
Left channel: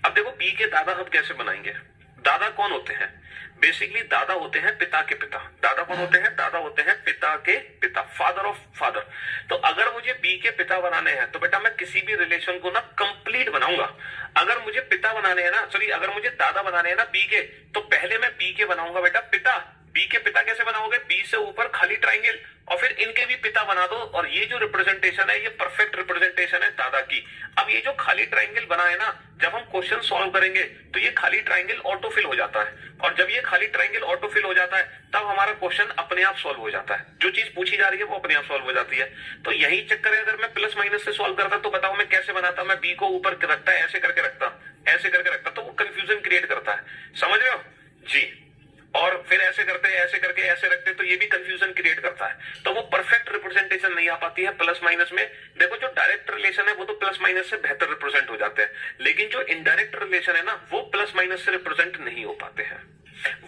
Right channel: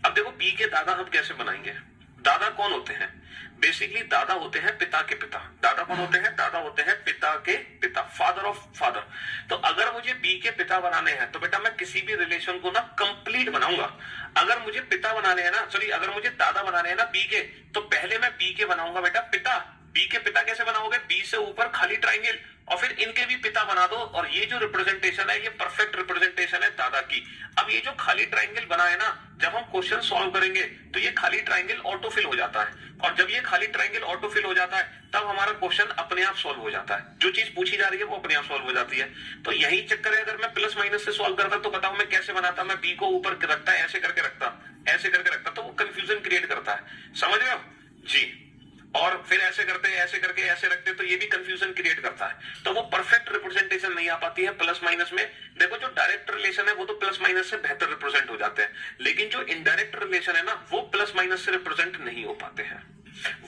अब देखो, बी के दादा हम कैसे बनाएंगे? दादा कौन होते हैं? बेसिकली दादा होते हैं पिता के पिता। दादा कौन होते हैं? दादा होते हैं पिता के पिता, फादर ऑफ फादर। तो अगर मुझे बी के पिता बनाने हैं तो बेटा मैं किसी भी रिलेशन को ना कंप्लीट बनाऊंगा। अगर मुझे पिता बनाने हैं ना, सॉरी, अगर मुझे दादा बनाने हैं ना बी के, तो पहले मैं बी के बनाऊंगा बेटा पिता। बी के पिता कैसे बनाओगे? बी से ऊपर खाली ट्राइंगल, और फिर इनके भी पिता बना दो, और ये जो रिप्रेजेंटेशन है ये परफेक्ट रिप्रेजेंटेशन है दादा की। अब ये जो खाली ट्राइंगल बना है ना, जब हम क्वेश्चन सॉल्व करेंगे तो ये खाली ट्राइंगल ऑटोफिल हो जाता है, और जब ये खाली ट्राइंगल ऑटोफिल हो जाता है तब हमारा क्वेश्चन अपने आप सॉल्व हो जाता है। जो चीज पूछी जा रही है वो अपने आप सॉल्व हो जाती है। तो यही चक्कर है। अगर मैं प्लस माइनस से सॉल्व करता तो बताओ मैं कैसे बनाता? मैं बी को ऊपर रखता, ऐसे करके रखता, ऐसे करके रखता, तो वो कंफ्यूजन क्रिएट करता है। समझ रहे हो जी? और फिर ऐसे करते, ऐसे करके ऐसे रखते, तो ये भी कंफ्यूजन क्रिएट करता है। तो वो परफेक्ट रिप्रेजेंटेशन नहीं आ पाती है प्लस माइनस में। देखो, जो डायरेक्ट रिलेशन है वो तो प्लस माइनस से बेहतर रिप्रेजेंट हो जाते हैं, लेकिन जो इनडायरेक्ट रिलेशन है ना वो प्लस माइनस से रिप्रेजेंट नहीं हो पाते हैं,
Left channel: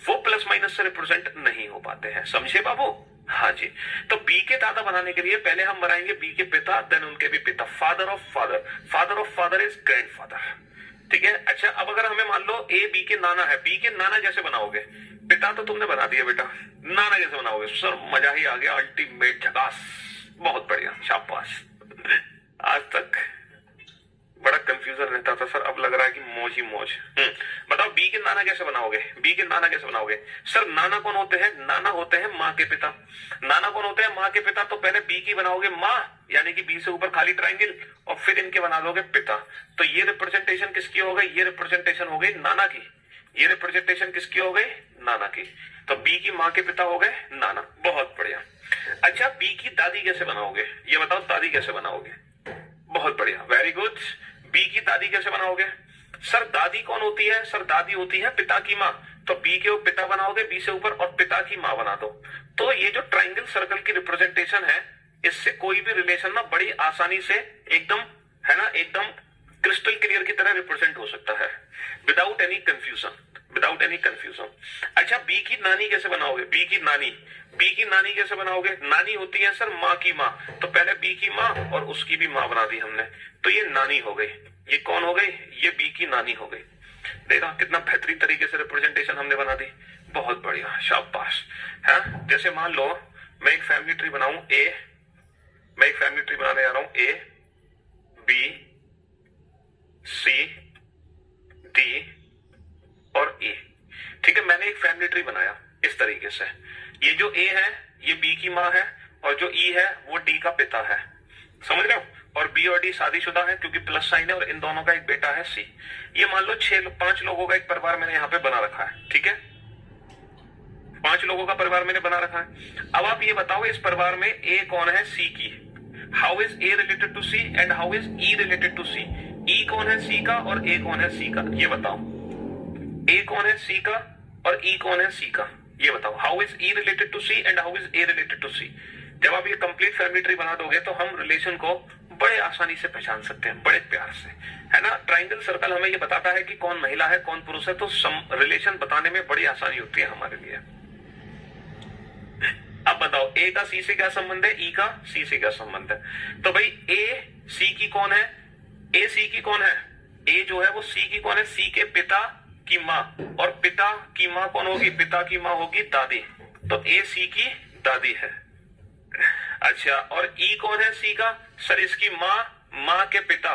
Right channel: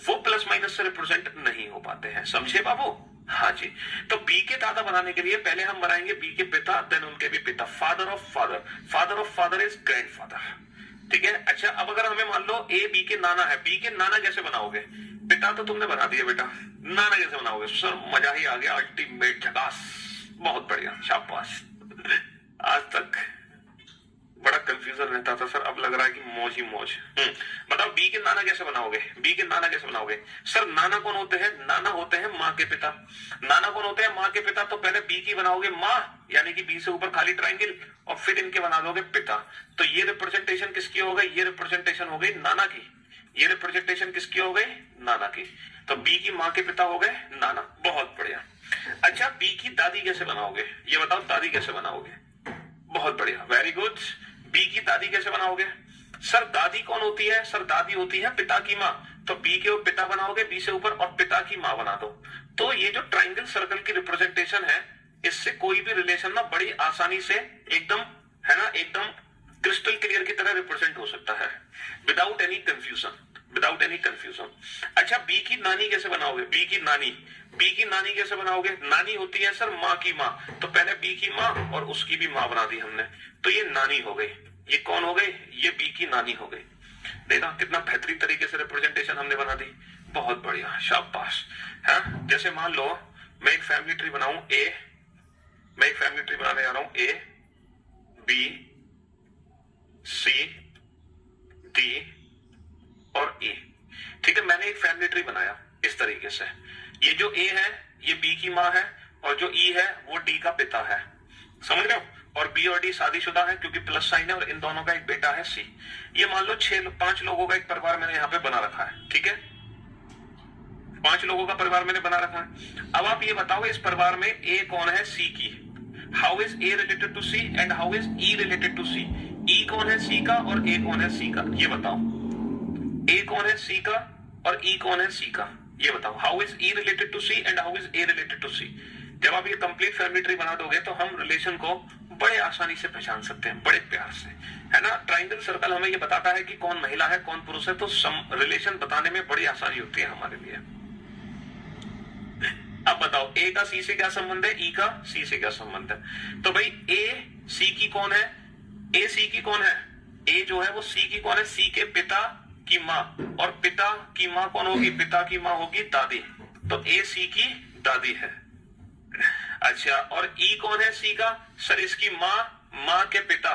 वो प्लस माइनस से रिप्रेजेंट नहीं हो पाते हैं। समझे बाबू? हाँ जी। तो बी के दादा बनाने के लिए पहले हम बनाएंगे बी के पिता, देन उनके भी पिता, father of father. Father of father is grandfather, ठीक है। अच्छा, अब अगर हमें मान लो ए बी के नाना है, बी के नाना कैसे बनाओगे? पिता तो तुमने बना दिया बेटा, नाना कैसे बनाओगे? सर मजा ही आ गया, अल्टीमेट झकास, बहुत बढ़िया, शाबाश। आज तक बड़ा कंफ्यूजन रहता था सर, अब लग रहा है कि मौज ही मौज। बताओ बी के नाना कैसे बनाओगे? बी के नाना कैसे बनाओगे? सर नाना कौन होते हैं? नाना होते हैं माँ के पिता। नाना कौन होते हैं? माँ के पिता। तो पहले बी की बनाओगे माँ, यानी कि बी से ऊपर खाली ट्राइंगल, और फिर इनके बना दोगे पिता। तो ये रिप्रेजेंटेशन किसकी हो गई? ये रिप्रेजेंटेशन हो गई नाना की। ये रिप्रेजेंटेशन किसकी हो गई? नाना की। तो बी की माँ के पिता हो गए नाना। बहुत बढ़िया। अच्छा, बी की दादी कैसे बनाओगे? ये बताओ, दादी कैसे बनाओगे? बहुत बढ़िया, वेरी गुड। बी की दादी कैसे बनाओगे? सर दादी कौन होती है? सर दादी होती है पिता की माँ। तो बी के पिता बनाओगे बी से ऊपर, और पिता की माँ बना दो। तो ये जो ट्राइंगल सर्कल की रिप्रेजेंटेशन है, इससे कोई भी रिलेशन ना बड़ी आसानी से एकदम, है ना, एकदम क्रिस्टल क्लियर की तरह रिप्रेजेंट हो सकता है, without any confusion, without any confusion. अच्छा, बी की नानी कैसे बनाओगे? बी की नानी, बी की नानी कैसे बनाओगे? नानी होती है सर माँ की माँ। तो पहले बी की माँ और उसकी भी माँ बना दी हमने, तो ये नानी हो गई। ये कौन हो गई? ये बी की नानी हो गई। देखा कितना बेहतरीन तरीके से रिप्रेजेंटेशन हमने बना दी। बहुत बढ़िया, शाबाश। है, जैसे मान लो मैं एक फैमिली ट्री बनाऊं ए, मैं एक फैमिली ट्री बनाने जा रहा हूं, ए बी सी डी और ए। ठीक है, मैंने एक फैमिली ट्री बनाया इस तरीके से। ये जो ए है ये बी की माँ है, और जो ई है वो डी का पिता है, समझ रहे हो? और बी और डी शादीशुदा है क्योंकि प्लस साइन है, और इन दोनों का एक बेटा है सी। ये मान लो 5 लोगों का एक परिवार मैंने यहाँ पे बना रखा है। ठीक है, 5 लोगों का परिवार मैंने बना रखा है। अब आप ये बताओ इस परिवार में ए कौन है सी की? How is A related to C and how is E related to C? E कौन है सी का और ए कौन है सी का? ये बताओ, ए कौन है सी का और ई कौन है सी का? ये बताओ, how is E related to C and how is A related to C? जब आप ये कंप्लीट फैमिली ट्री बना दोगे तो हम रिलेशन को बड़े आसानी से पहचान सकते हैं, बड़े प्यार से, है ना। ट्राइंगल सर्कल हमें ये बताता है कि कौन महिला है कौन पुरुष है, तो रिलेशन बताने में बड़ी आसानी होती है हमारे लिए। अब बताओ ए का सी से क्या संबंध है, ई का सी से क्या संबंध है? तो भाई ए सी की कौन है? ए सी की कौन है? ए जो है वो सी की कौन है? सी के पिता की माँ, और पिता की माँ कौन होगी? पिता की माँ होगी दादी। तो ए सी की दादी है। अच्छा, और ई कौन है सी का? सर इसकी माँ, माँ के पिता,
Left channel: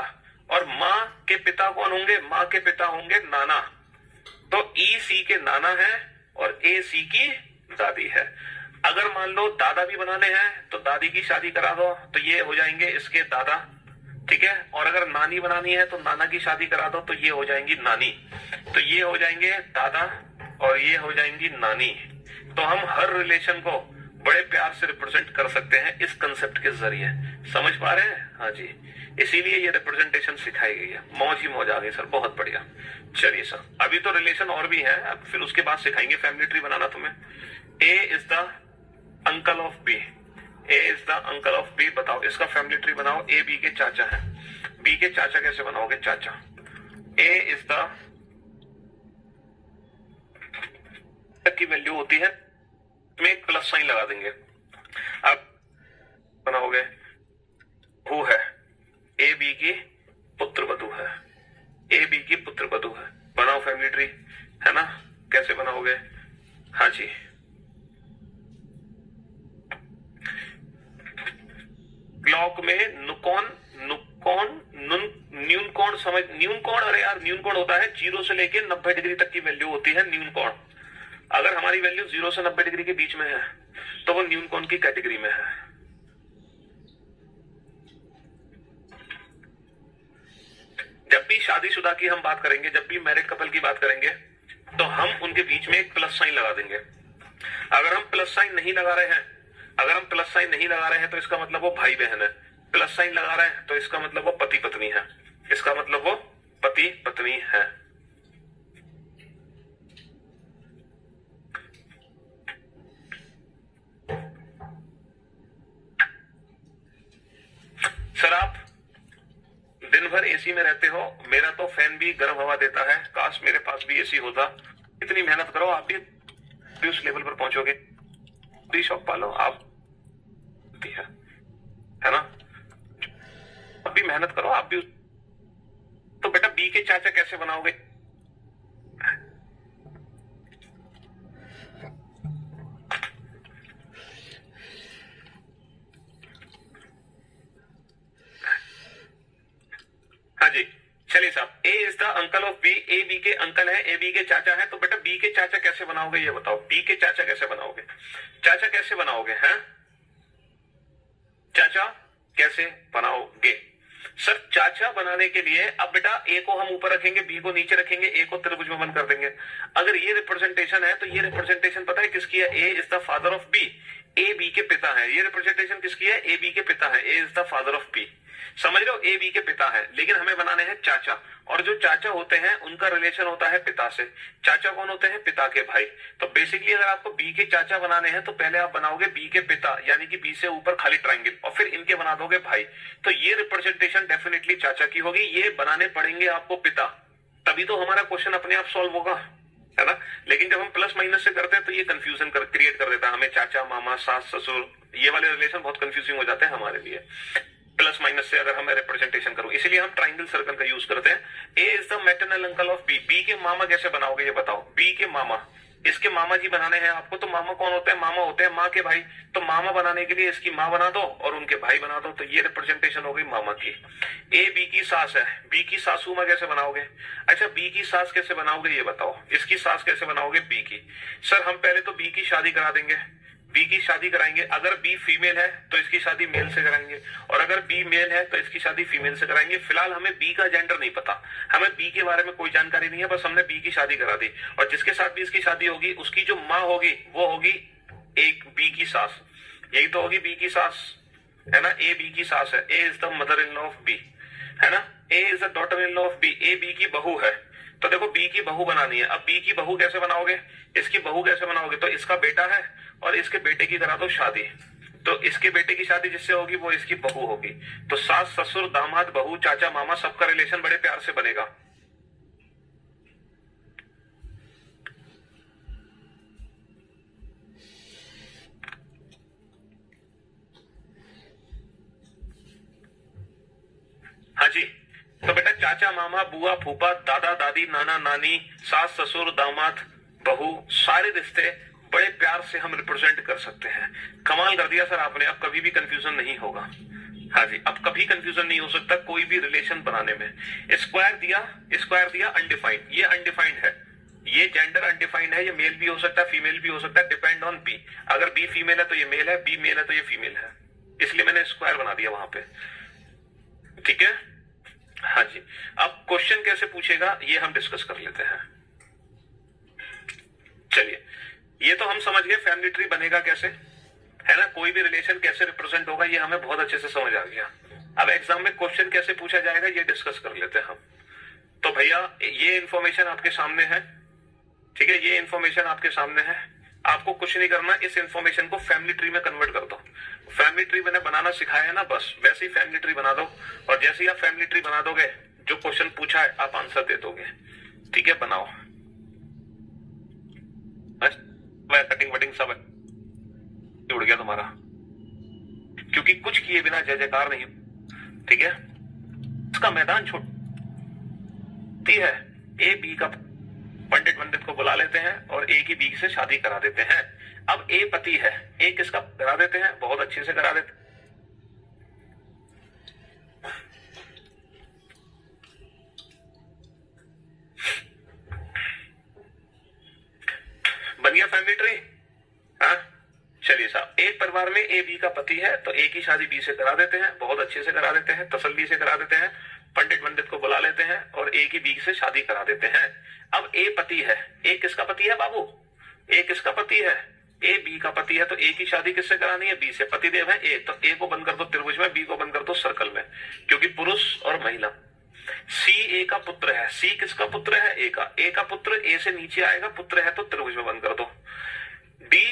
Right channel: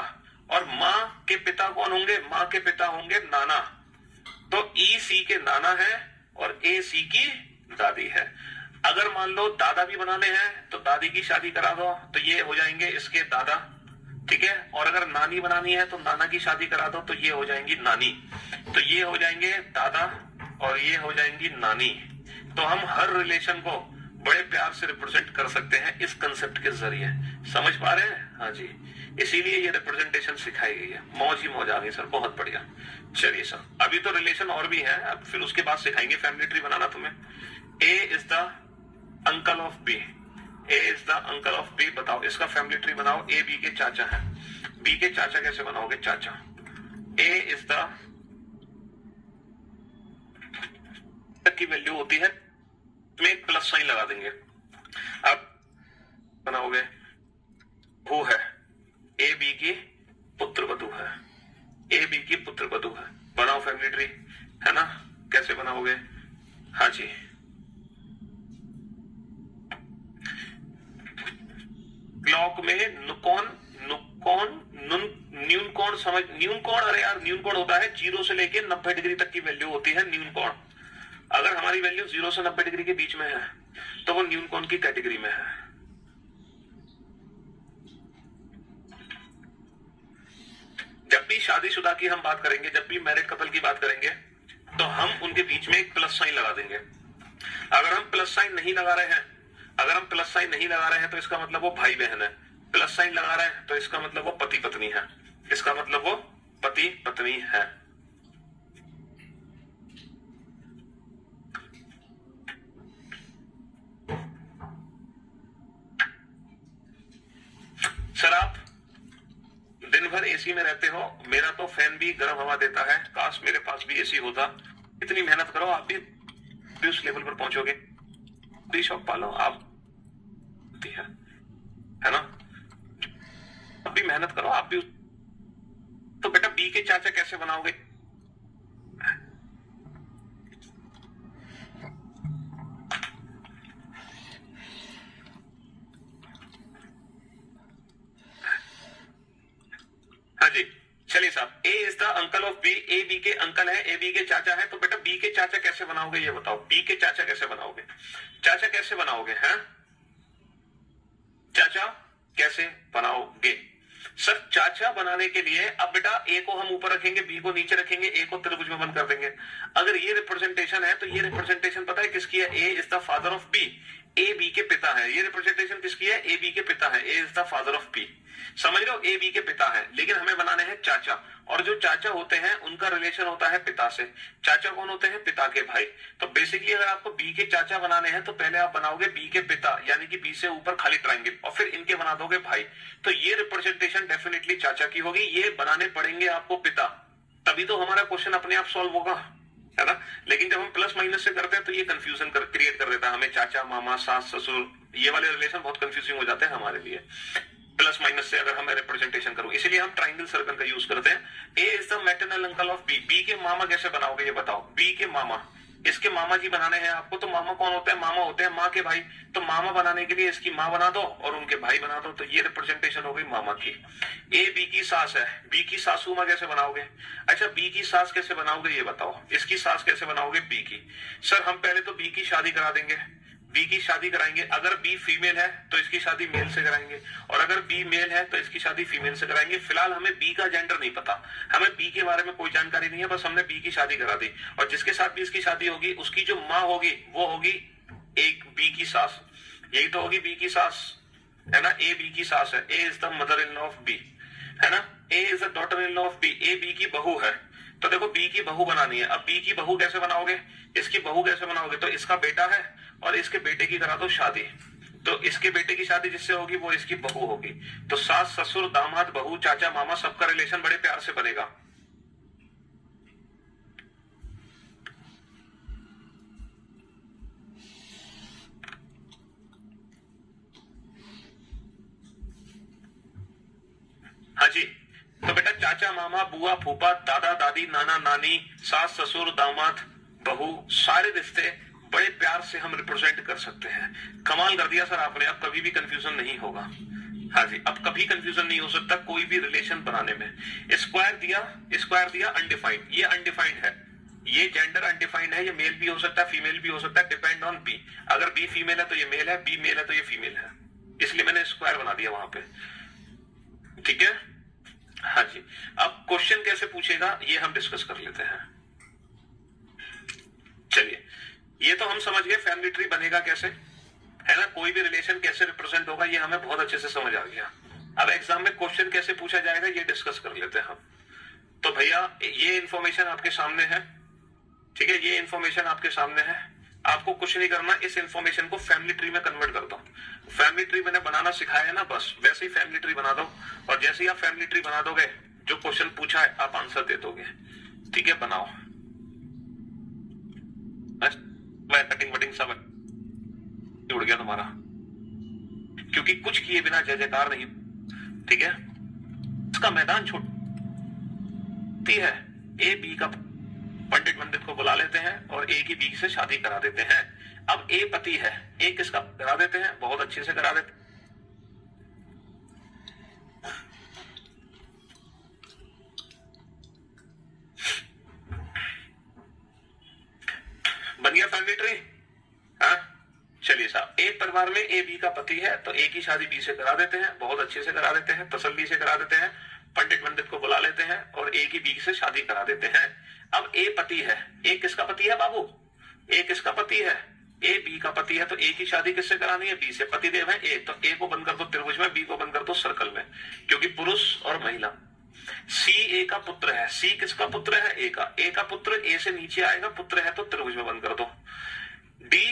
और माँ के पिता कौन होंगे? माँ के पिता होंगे नाना। तो ई सी के नाना है और ए सी की दादी है। अगर मान लो दादा भी बनाने हैं तो दादी की शादी करा दो, तो ये हो जाएंगे इसके दादा। ठीक है, और अगर नानी बनानी है तो नाना की शादी करा दो, तो ये हो जाएंगी नानी। तो ये हो जाएंगे दादा और ये हो जाएंगी नानी। तो हम हर रिलेशन को बड़े प्यार से रिप्रेजेंट कर सकते हैं इस कंसेप्ट के जरिए। समझ पा रहे हैं? हाँ जी, इसीलिए ये रिप्रेजेंटेशन सिखाई गई है। मौज ही मौज आ गई सर, बहुत बढ़िया। चलिए सर, अभी तो रिलेशन और भी है, अब फिर उसके बाद सिखाएंगे फैमिली ट्री बनाना तुम्हें। A is the uncle of B, A is the uncle of B. बताओ इसका फैमिली ट्री बनाओ। ए बी के चाचा है, बी के चाचा कैसे बनाओगे? चाचा, ए इज द की वैल्यू होती है, में एक प्लस साइन लगा देंगे। अब बनाओगे, वो है ए बी की पुत्र वधू है, ए बी की पुत्र वधू है। बनाओ फैमिली ट्री, है ना। कैसे बनाओगे? हाँ जी, क्लॉक में नुकॉन, नुकॉन, न्यून कोण समझ, न्यून कोण, अरे यार न्यून कोण होता है 0 से लेके 90 डिग्री तक की वैल्यू होती है न्यून कोण। अगर हमारी वैल्यू 0 से 90 डिग्री के बीच में है तो वो न्यून कोण की कैटेगरी में है। जब भी शादीशुदा की हम बात करेंगे, जब भी मैरिड कपल की बात करेंगे, तो हम उनके बीच में एक प्लस साइन लगा देंगे। अगर हम प्लस साइन नहीं लगा रहे हैं, अगर हम प्लस साइन नहीं लगा रहे हैं तो इसका मतलब वो भाई बहन है। प्लस साइन लगा रहे हैं तो इसका मतलब वो पति पत्नी है, इसका मतलब वो पति पत्नी है। सर आप दिन भर एसी में रहते हो, मेरा तो फैन भी गर्म हवा देता है, काश मेरे पास भी एसी होता। इतनी मेहनत करो, आप भी उस लेवल पर पहुंचोगे। भी शौक पालो आप, है ना। आप भी मेहनत करो, आप भी। तो बेटा बी के चाचा कैसे बनाओगे? हाँ जी, चलिए साहब, A is the uncle of B, A B के अंकल है, ए बी के चाचा है। तो बेटा बी के चाचा कैसे बनाओगे ये बताओ? बी के चाचा कैसे बनाओगे? चाचा कैसे बनाओगे? हैं चाचा, कैसे बनाओगे? सर चाचा बनाने के लिए अब बेटा ए को हम ऊपर रखेंगे, बी को नीचे रखेंगे, ए को त्रिभुज में बंद कर देंगे। अगर ये रिप्रेजेंटेशन है तो ये रिप्रेजेंटेशन पता है किसकी है? A is the father of B, A B के पिता है। ये रिप्रेजेंटेशन किसकी है? ए बी के पिता है, A is the father of B. समझ रहे हो? ए बी के पिता है, लेकिन हमें बनाने हैं चाचा, और जो चाचा होते हैं उनका रिलेशन होता है पिता से। चाचा कौन होते हैं? पिता के भाई। तो बेसिकली अगर आपको बी के चाचा बनाने हैं तो पहले आप बनाओगे बी के पिता, यानी कि बी से ऊपर खाली ट्रायंगल, और फिर इनके बना दोगे भाई। तो ये रिप्रेजेंटेशन डेफिनेटली चाचा की होगी, ये बनाने पड़ेंगे आपको पिता, तभी तो हमारा क्वेश्चन अपने आप सॉल्व होगा, है ना। लेकिन जब हम प्लस माइनस से करते हैं तो ये कंफ्यूजन क्रिएट कर देता है हमें। चाचा, मामा, सास, ससुर, ये वाले रिलेशन बहुत कंफ्यूजिंग हो जाते हैं हमारे लिए प्लस माइनस से अगर हमें रिप्रेजेंटेशन करूं। इसलिए हम ट्रायंगल सर्कल का यूज करते हैं। A is the maternal uncle of B. B के मामा कैसे बनाओगे ये बताओ? बी के मामा, इसके मामा जी बनाने हैं आपको। तो मामा कौन होते हैं? मामा होते हैं माँ के भाई। तो मामा बनाने के लिए इसकी माँ बना दो और उनके भाई बना दो। तो ये रिप्रेजेंटेशन हो गई मामा की। ए बी की सास है, बी की सासू माँ कैसे बनाओगे? अच्छा बी की सास कैसे बनाओगे ये बताओ? इसकी सास कैसे बनाओगे? बी की। सर हम पहले तो बी की शादी करा देंगे, बी की शादी कराएंगे। अगर बी फीमेल है तो इसकी शादी मेल से कराएंगे, और अगर बी मेल है तो इसकी शादी फीमेल से कराएंगे। फिलहाल हमें बी का जेंडर नहीं पता, हमें बी के बारे में कोई जानकारी नहीं है, बस हमने बी की शादी करा दी। और जिसके साथ भी इसकी शादी होगी उसकी जो माँ होगी वो होगी एक बी की सास, यही तो होगी बी की सास, है ना। ए बी की सास है, A is the mother in law of B, है ना। A is the daughter in law of B, A B की बहू है। तो देखो बी की बहू बनानी है। अब बी की बहू कैसे बनाओगे? इसकी बहू कैसे बनाओगे? तो इसका बेटा है और इसके बेटे की करा दो शादी। तो इसके बेटे की शादी जिससे होगी वो इसकी बहू होगी। तो सास, ससुर, दामाद, बहू, चाचा, मामा, सबका रिलेशन बड़े प्यार से बनेगा। हाँ जी। तो बेटा चाचा, मामा, बुआ, फूफा, दादा, दादी, नाना, नानी, सास, ससुर, दामाद, बहू, सारे रिश्ते बड़े प्यार से हम रिप्रेजेंट कर सकते हैं। कमाल कर दिया सर आपने, अब कभी भी कंफ्यूजन नहीं होगा। हाँ जी, अब कभी कंफ्यूजन नहीं हो सकता कोई भी रिलेशन बनाने में। स्क्वायर दिया अनडिफाइंड, ये अनडिफाइंड है, ये जेंडर अनडिफाइंड है, ये मेल भी हो सकता है फीमेल भी हो सकता है, डिपेंड ऑन बी। अगर बी फीमेल है तो ये मेल है, बी मेल है तो ये फीमेल है, इसलिए मैंने स्क्वायर बना दिया वहां पे। ठीक है। हाँ जी, अब क्वेश्चन कैसे पूछेगा ये हम डिस्कस कर लेते हैं। चलिए, ये तो हम समझ गए फैमिली ट्री बनेगा कैसे, है ना। कोई भी रिलेशन कैसे रिप्रेजेंट होगा ये हमें बहुत अच्छे से समझ आ गया। अब एग्जाम में क्वेश्चन कैसे पूछा जाएगा ये डिस्कस कर लेते हैं हम। तो भैया ये इंफॉर्मेशन आपके सामने है, ठीक है, ये इंफॉर्मेशन आपके सामने है। आपको कुछ नहीं करना, इस इंफॉर्मेशन को फैमिली ट्री में कन्वर्ट कर दो। फैमिली ट्री मैंने बनाना सिखाया है ना, बस वैसे ही फैमिली ट्री बना दो। और जैसे ही आप फैमिली ट्री बना दोगे, जो क्वेश्चन पूछा है आप आंसर दे दोगे। ठीक है, बनाओ। कटिंग वटिंग सब उड़ गया तुम्हारा, क्योंकि कुछ किए बिना जय जयकार नहीं। ठीक है, इसका मैदान छोटी है। ए बी का पंडित को बुला लेते हैं और ए की बी से शादी करा देते हैं। अब ए पति है, ए किसका करा देते हैं? बहुत अच्छे से करा देते। बन गया फैमिली ट्री। हाँ चलिए साहब, एक परिवार में ए बी का पति है तो ए की शादी बी से करा देते हैं, बहुत अच्छे से करा देते हैं, तसल्ली से करा देते हैं। पंडित को बुला लेते हैं और ए की बी से शादी करा देते हैं। अब ए पति है, ए किसका पति है बाबू? ए किसका पति है? ए बी का पति है। तो ए की शादी किससे करानी है? बी से। पति देव है ए, तो ए को बंद कर दो त्रिभुज में, बी को बंद कर दो सर्कल में, क्योंकि पुरुष और महिला। सी ए का पुत्र है, सी किसका पुत्र है? ए का। ए का पुत्र ए से नीचे आएगा, पुत्र है तो त्रिभुज में बंद कर दो। डी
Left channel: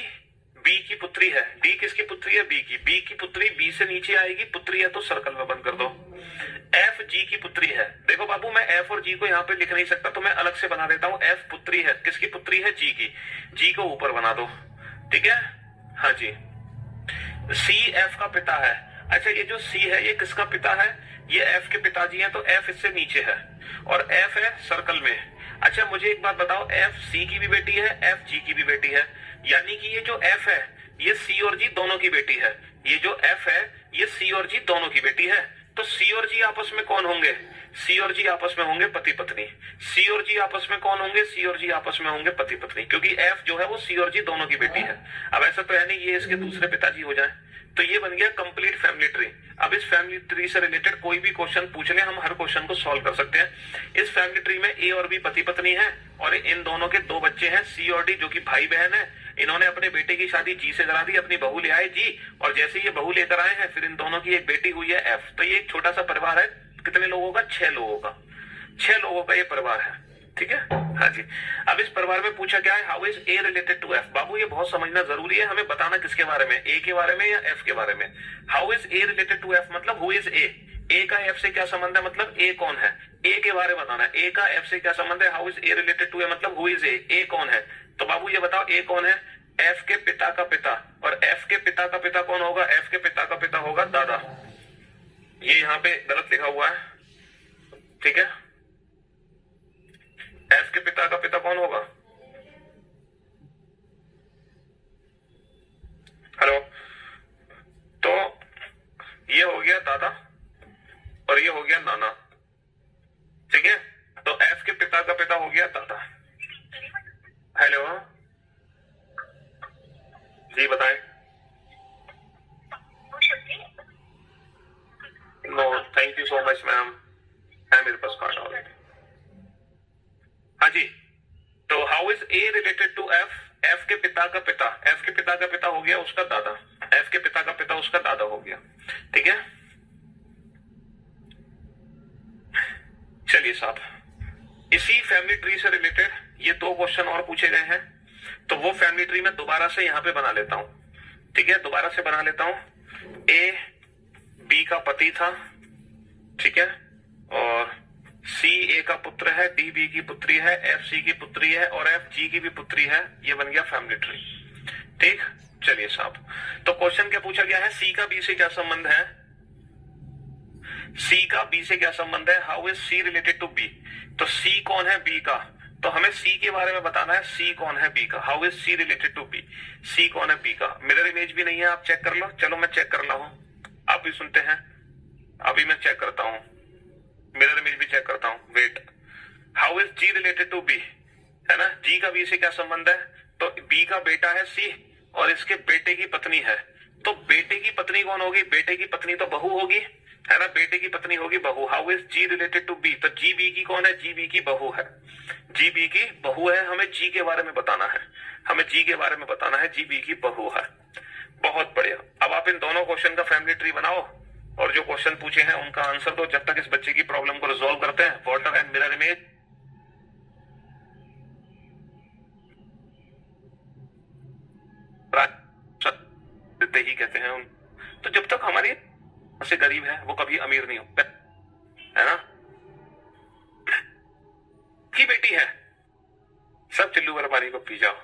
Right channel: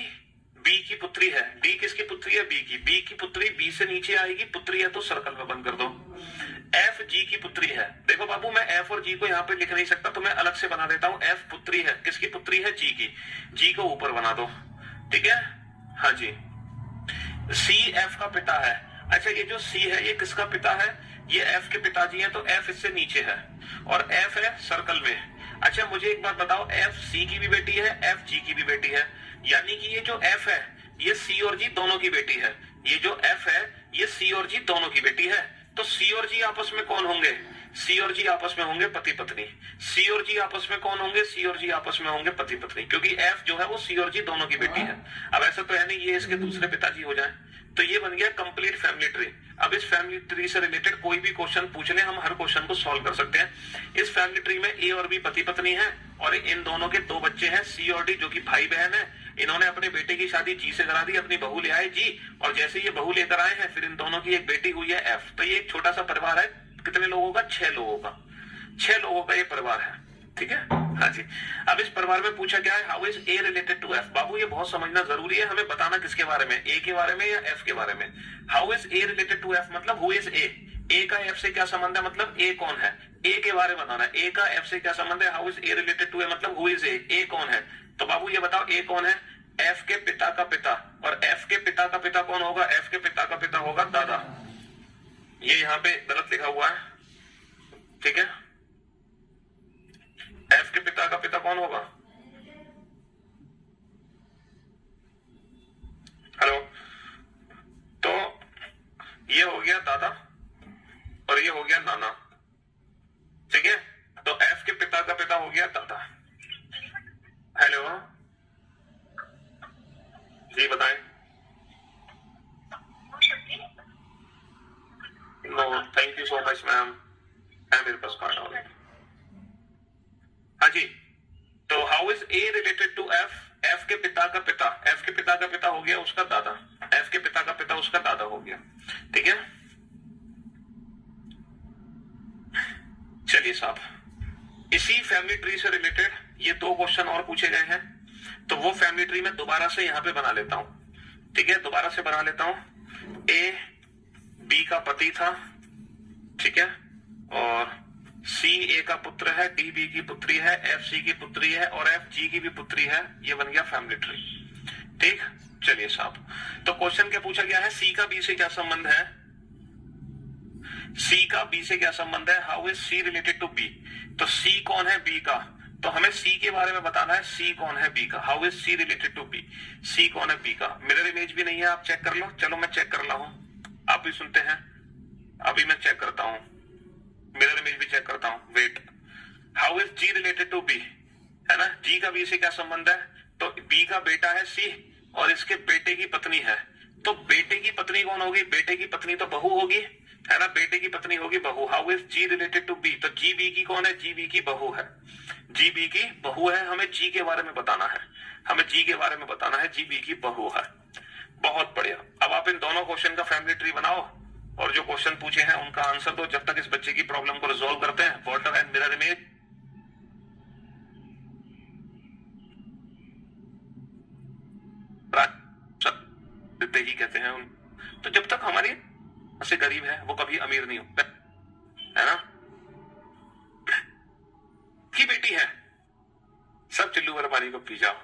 बी की पुत्री है, डी किसकी पुत्री है? बी की। बी की पुत्री बी से नीचे आएगी, पुत्री है तो सर्कल में बंद कर दो। एफ जी की पुत्री है। देखो बाबू, मैं एफ और जी को यहाँ पे लिख नहीं सकता तो मैं अलग से बना देता हूँ। एफ पुत्री है, किसकी पुत्री है? जी की। जी को ऊपर बना दो। ठीक है, हाँ जी। सी एफ का पिता है। अच्छा, ये जो सी है ये किसका पिता है? ये एफ के पिताजी हैं, तो एफ इससे नीचे है और एफ है सर्कल में। अच्छा मुझे एक बात बताओ, एफ सी की भी बेटी है, एफ जी की भी बेटी है, यानी कि ये जो एफ है ये सी और जी दोनों की बेटी है। ये जो एफ है ये सी और जी दोनों की बेटी है। तो सी और जी आपस में कौन होंगे? सी और जी आपस में होंगे पति पत्नी। सी और जी आपस में कौन होंगे? सी और जी आपस में होंगे पति पत्नी, क्योंकि एफ जो है वो सी और जी दोनों की बेटी है। अब ऐसा तो है नहीं ये इसके दूसरे पिताजी हो जाए, तो ये बन गया कंप्लीट फैमिली ट्री। अब इस फैमिली ट्री से रिलेटेड कोई भी क्वेश्चन पूछ ले, हम हर क्वेश्चन को सॉल्व कर सकते हैं। इस फैमिली ट्री में ए और बी पति पत्नी है और इन दोनों के 2 बच्चे हैं, सी और डी, जो कि भाई बहन है। इन्होंने अपने बेटे की शादी जी से करा दी, अपनी बहू ले आए जी, और जैसे ये बहू लेकर आए हैं फिर इन दोनों की एक बेटी हुई है एफ। तो ये एक छोटा सा परिवार है, कितने लोगों का? 6 लोगों का। 6 लोगों का ये परिवार है, ठीक है। हाँ जी। अब इस परिवार में पूछा गया है how is A related to F. बाबू ये बहुत समझना जरूरी है, हमें बताना किसके बारे में, ए के बारे में या एफ के बारे में। How is A related to F मतलब हु इज ए का एफ से क्या संबंध है, मतलब ए कौन है। ए के बारे में बताना है, ए का एफ से क्या संबंध है। How is A related to A मतलब हु इज ए कौन है। तो बाबू ये बताओ ए कौन है, एफ के पिता का पिता, और एफ के पिता का पिता कौन होगा, एफ के पिता का पिता होगा दादा। ये यहां पे गलत लिखा हुआ है, ठीक है। एफ के पिता का पिता कौन होगा, हेलो। तो ये हो गया दादा और ये हो गया नाना, ठीक है। तो एफ के पिता का पिता हो गया दादा। हेलो जी बताएं। No thank you so much ma'am, है मेरे पास कार्ड ऑलरेडी। हाँ जी। तो how is A related to F, F के पिता का पिता, एफ के पिता का पिता हो गया उसका दादा, एफ के पिता का पिता उसका दादा हो गया, ठीक है। चलिए साहब, इसी फैमिली ट्री से रिलेटेड ये 2 क्वेश्चन और पूछे गए हैं, तो वो फैमिली ट्री में दोबारा से यहां पे बना लेता हूं, ठीक है। दोबारा से बना लेता हूं। ए बी का पति था, ठीक है, और सी ए का पुत्र है, डी बी की पुत्री है, एफ सी की पुत्री है और एफ जी की भी पुत्री है। ये बन गया फैमिली ट्री, ठीक। चलिए साहब, तो क्वेश्चन क्या पूछा गया है, सी का बी से क्या संबंध है, सी का बी से क्या संबंध है। How is C related to B, तो सी कौन है बी का, तो हमें सी के बारे में बताना है, सी कौन है बी का। How is C related to B, C कौन है बी का। मिरर इमेज भी नहीं है, आप चेक कर लो। चलो मैं चेक कर रहा हूं, आप भी सुनते हैं। अभी मैं चेक करता हूं, मिरर इमेज भी चेक करता हूं, wait. How is G related to B, है ना। जी का बी से क्या संबंध है, तो बी का बेटा है सी और इसके बेटे की पत्नी है। तो बेटे की पत्नी कौन होगी, बेटे की पत्नी तो बहू होगी, है ना, बेटे की पत्नी होगी बहू। How is G related to B, तो जी बी की कौन है, जी बी की बहू है, जी बी की बहू है। हमें जी के बारे में बताना है, हमें जी के बारे में बताना है, जी बी की बहू है। बहुत बढ़िया। अब आप इन दोनों क्वेश्चन का फैमिली ट्री बनाओ और जो क्वेश्चन पूछे हैं उनका आंसर दो, जब तक इस बच्चे की प्रॉब्लम को रिजॉल्व करते हैं। वाटर एंड मिरर इमेज, देते ही कहते हैं। तो जब तक हमारी से गरीब है वो कभी अमीर नहीं होता, है ना। की बेटी है, सब चिल्लू वाला पानी को पी जाओ।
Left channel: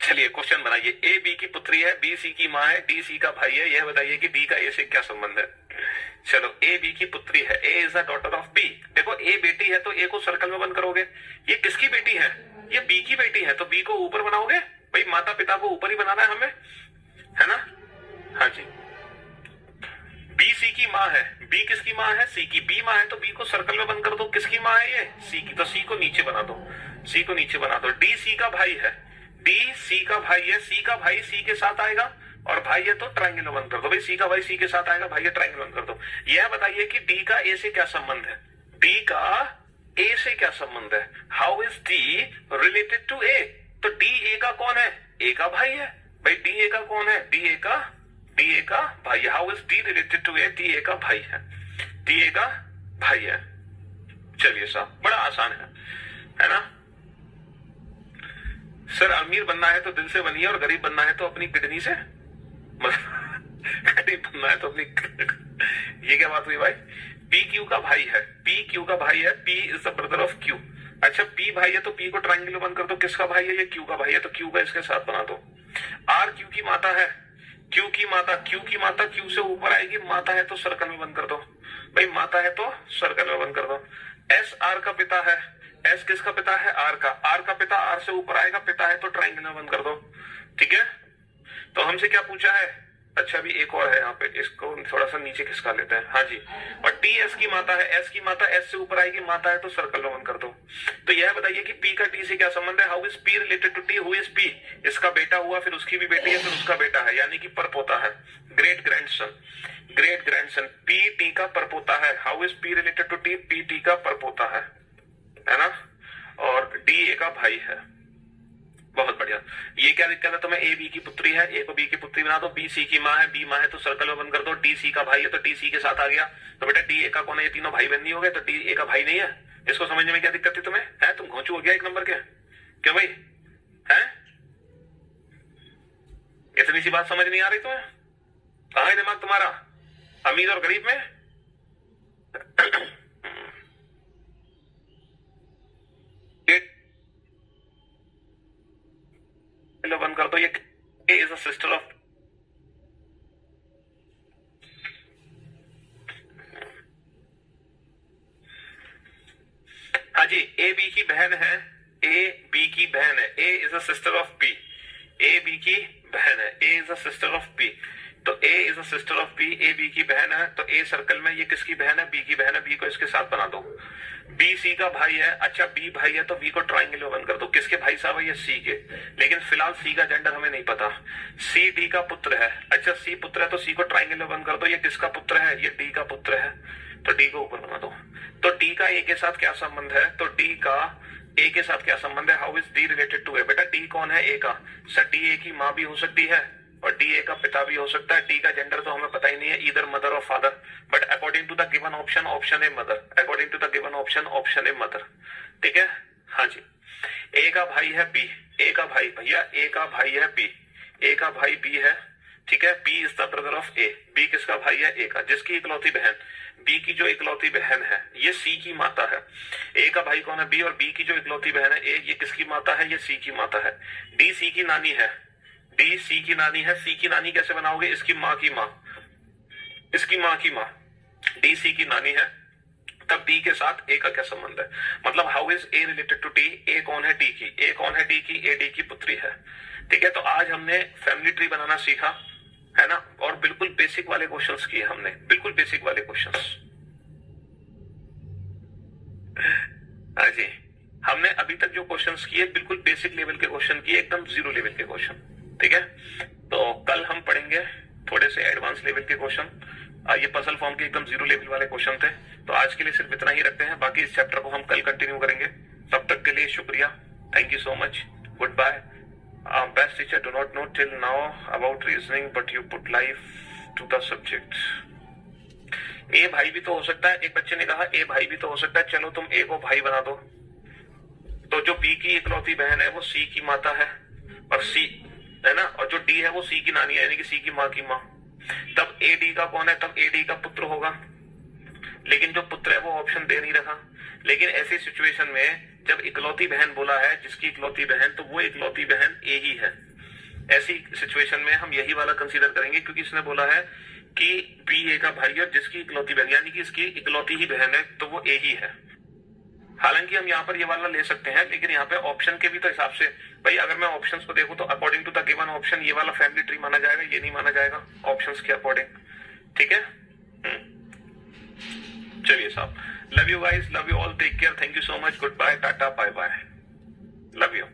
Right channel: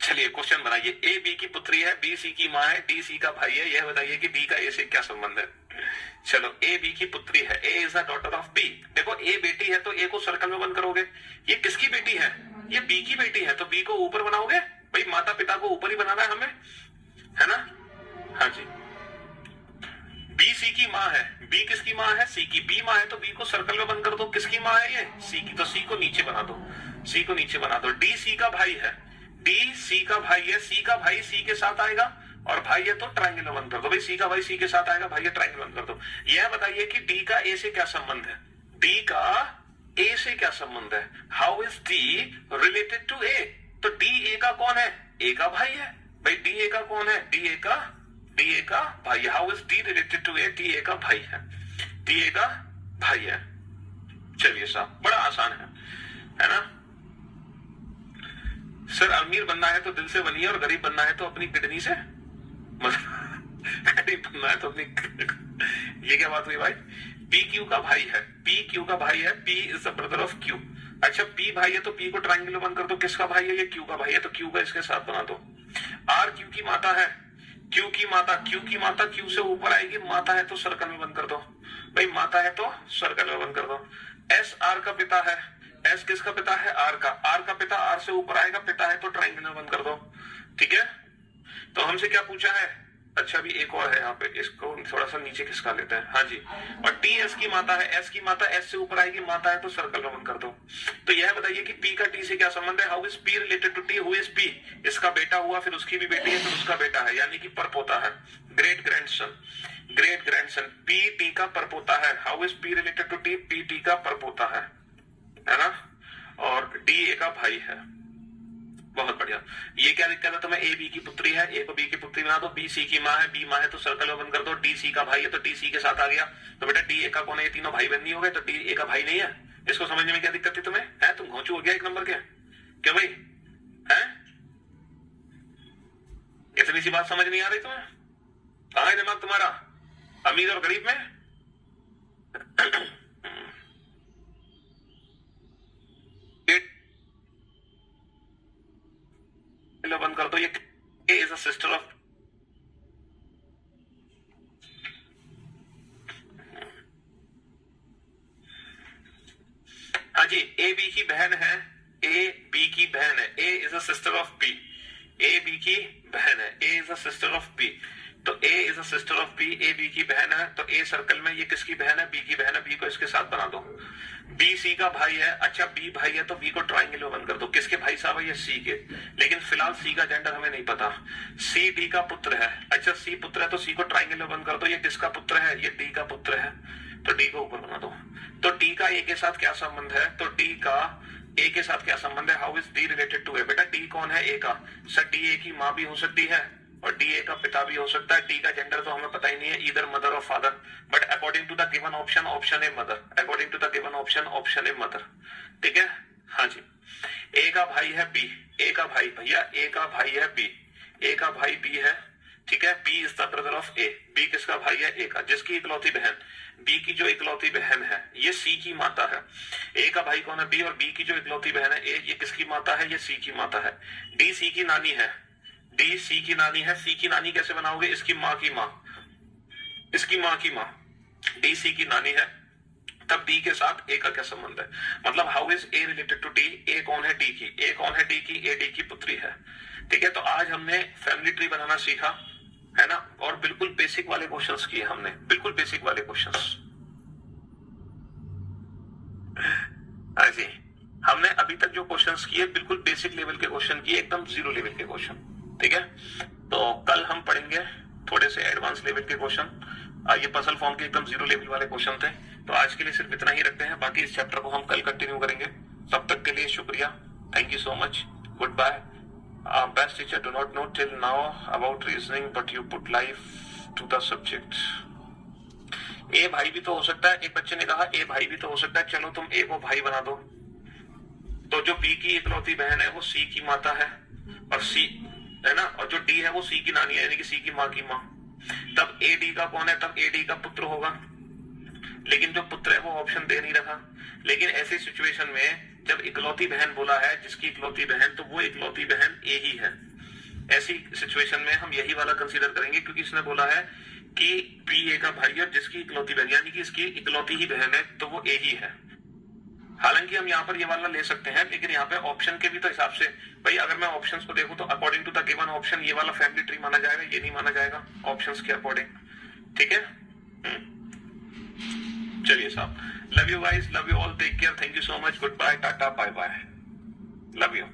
चलिए क्वेश्चन बनाइए। ए बी की पुत्री है, बी सी की माँ है, डी सी का भाई है। यह बताइए कि डी का ए से क्या संबंध है। चलो, ए बी की पुत्री है, A is the daughter of B. देखो ए बेटी है तो ए को सर्कल में बंद करोगे। ये किसकी बेटी है, ये बी की बेटी है, तो बी को ऊपर बनाओगे। भाई माता पिता को ऊपर ही बनाना है हमें, है ना। हाँ जी। बी सी की माँ है, बी किसकी माँ है, सी की। बी माँ है तो बी को सर्कल में बंद कर दो। किसकी माँ है ये, सी की, तो सी को नीचे बना दो, सी को नीचे बना दो। डी सी का भाई है, डी सी का भाई है, सी का भाई सी के साथ आएगा और भाई है तो ट्रायंगल में बंद कर दो। भाई सी का भाई सी के साथ आएगा, भाई है ट्रायंगल बंद कर दो। यह बताइए कि डी का ए से क्या संबंध है, डी का ए से क्या संबंध है। How is D related to A, तो डी ए का कौन है, ए का भाई है। भाई डी ए का कौन है, डी ए का भाई है। How is D related to A, D A का भाई है, डी ए का भाई है। चलिए साहब, बड़ा आसान है ना। सर अमीर बनना है तो दिल से बनिए और गरीब बनना है तो अपनी किडनी से, गरीब बनना है तो अपनी ये क्या बात हुई भाई। पी क्यू का भाई है, पी क्यू का भाई है, P is the brother of Q. अच्छा पी भाई है तो पी को ट्रायंगल में बंद कर दो। किसका भाई है, ये क्यू का भाई है, तो क्यू का इसके साथ बना दो। आर क्यू की माता है, क्यू की माता, क्यू की माता क्यू से ऊपर आएगी, माता है तो सर्कल में बंद कर दो। भाई माता है तो सर्कल में बंद कर दो। एस आर का पिता है, एस किसका पिता है, आर का। आर का पिता आर से ऊपर आएगा, पिता है तो ट्रायंगल में बंद कर दो। ठीक है, तो हमसे क्या पूछा है, अच्छा अभी एक और है यहाँ पे, इसको थोड़ा सा नीचे खिसका लेते हैं। हाँ जी, और टी एस की माता है, एस की माता एस से ऊपर आएगी, माता है तो सर्कल रोमन कर दो। तो यह बताइए कि पी का टी से क्या संबंध है। How is P related to T, who is P, इसका बेटा हुआ, फिर उसकी भी बेटी है, फिर उसका बेटा है, यानी कि परपोता है, great grandson, great grandson. P T का परपोता है। How is P related to T, P T का परपोता है ना। और डी ए का भाई है। बहुत बढ़िया। ये क्या दिक्कत है तुम्हें, ए बी की पुत्री है, ए को बी की पुत्री बना दो, बी सी की माँ है, बी माँ है तो सर्कल में बंद कर दो, डी सी का भाई है तो डी सी के साथ आ गया। तो बेटा डी ए का कौन है, ये तीनों भाई बहन नहीं हो गए, तो डी ए का भाई नहीं है। इसको समझने में क्या दिक्कत थी तुम्हें, है तुम घोंचू हो गया एक नंबर के, क्यों भाई है, इतनी सी बात समझ नहीं आ रही तुम्हें, कहां है दिमाग तुम्हारा, अमीर और गरीब में। बंद कर दो, ये इज अ सिस्टर ऑफ, हाँ जी, ए बी की बहन है, ए बी की बहन है, A is a sister of B, A B की बहन है, A is a sister of B, तो A is a sister of B, A B की बहन है, तो ए सर्कल में ये किसकी बहन है, बी की बहन है, बी को इसके साथ बना दो। बी सी का भाई है, अच्छा बी भाई है तो बी को ट्राइंगल में बंद कर दो, किसके भाई साहब है, ये सी के, लेकिन फिलहाल सी का जेंडर हमें नहीं पता। सी डी का पुत्र है, अच्छा सी पुत्र है तो सी को ट्राइंगल में बंद कर दो, ये किसका पुत्र है, ये डी का पुत्र है, तो डी को ऊपर बना दो। तो डी का ए के साथ क्या संबंध है, तो डी का ए के साथ क्या संबंध है, how is D related to A, बेटा डी कौन है, ए का, सर डी ए की माँ भी हो सकती है और डी ए का पिता भी हो सकता है। डी का जेंडर तो हमें पता ही नहीं है, ईदर मदर और father, but according to the given option, option A mother, according to the given option, option A mother, ठीक है। हाँ जी, ए का भाई है बी, ए का भाई, भैया ए का भाई है बी, ए का भाई बी है, ठीक है, B is the brother of A, B किसका भाई है, ए का, जिसकी इकलौती बहन, बी की जो इकलौती बहन है ये सी की माता है। ए का भाई कौन है, बी, और बी की जो इकलौती बहन है ए, ये किसकी माता है, ये सी की माता है। डी सी की नानी है, डी सी की नानी है, सी की नानी कैसे बनाओगे, इसकी माँ की माँ, इसकी माँ की माँ, डी सी की नानी है, तब डी के साथ ए का क्या संबंध है, मतलब how is A related to D, A कौन है डी की, ए कौन है डी की, ए डी की पुत्री है, ठीक है। तो आज हमने फैमिली ट्री बनाना सीखा है ना, और बिल्कुल बेसिक वाले क्वेश्चंस किए हमने, बिल्कुल बेसिक वाले क्वेश्चंस। हाँ जी, हमने अभी तक जो क्वेश्चंस किए बिल्कुल बेसिक लेवल के क्वेश्चन किए, एकदम जीरो लेवल के क्वेश्चन, ठीक है। तो कल हम पढ़ेंगे थोड़े से एडवांस लेवल के क्वेश्चन, ये पजल फॉर्म के एकदम जीरो लेवल वाले क्वेश्चन थे। तो आज के लिए सिर्फ इतना ही रखते हैं, बाकी इस चैप्टर को हम कल कंटिन्यू करेंगे। तब तक के लिए शुक्रिया, thank you so much, goodbye. Best teacher do not know till now about reasoning, but you put life to the subject. ए भाई भी तो हो सकता है, एक बच्चे ने कहा ए भाई भी तो हो सकता है, चलो तुम ए को भाई बना दो, तो जो बी की इकलौती बहन है वो सी की माता है, और सी है ना, और जो डी है वो सी की नानी है, यानी कि सी की माँ की माँ, तब ए डी का कौन है, तब ए डी का पुत्र होगा, लेकिन जो पुत्र है वो ऑप्शन दे नहीं रहा। लेकिन ऐसी सिचुएशन में जब इकलौती बहन बोला है, जिसकी इकलौती बहन, तो वो इकलौती बहन ए ही है। ऐसी सिचुएशन में हम यही वाला कंसीडर करेंगे, क्योंकि इसने बोला है कि बी ए का भाई है जिसकी इकलौती बहन, यानी कि इसकी इकलौती ही बहन है, तो वो ए ही है। हालांकि हम यहाँ पर ये वाला ले सकते हैं, लेकिन यहाँ पे ऑप्शन के भी तो हिसाब से, भाई अगर मैं ऑप्शंस को देखूं तो according to the given option ये वाला फैमिली ट्री माना जाएगा, ये नहीं माना जाएगा ऑप्शंस के अकॉर्डिंग, ठीक है। चलिए साहब, love you guys, love you all, take care, thank you so much, goodbye, tata, bye bye, love you.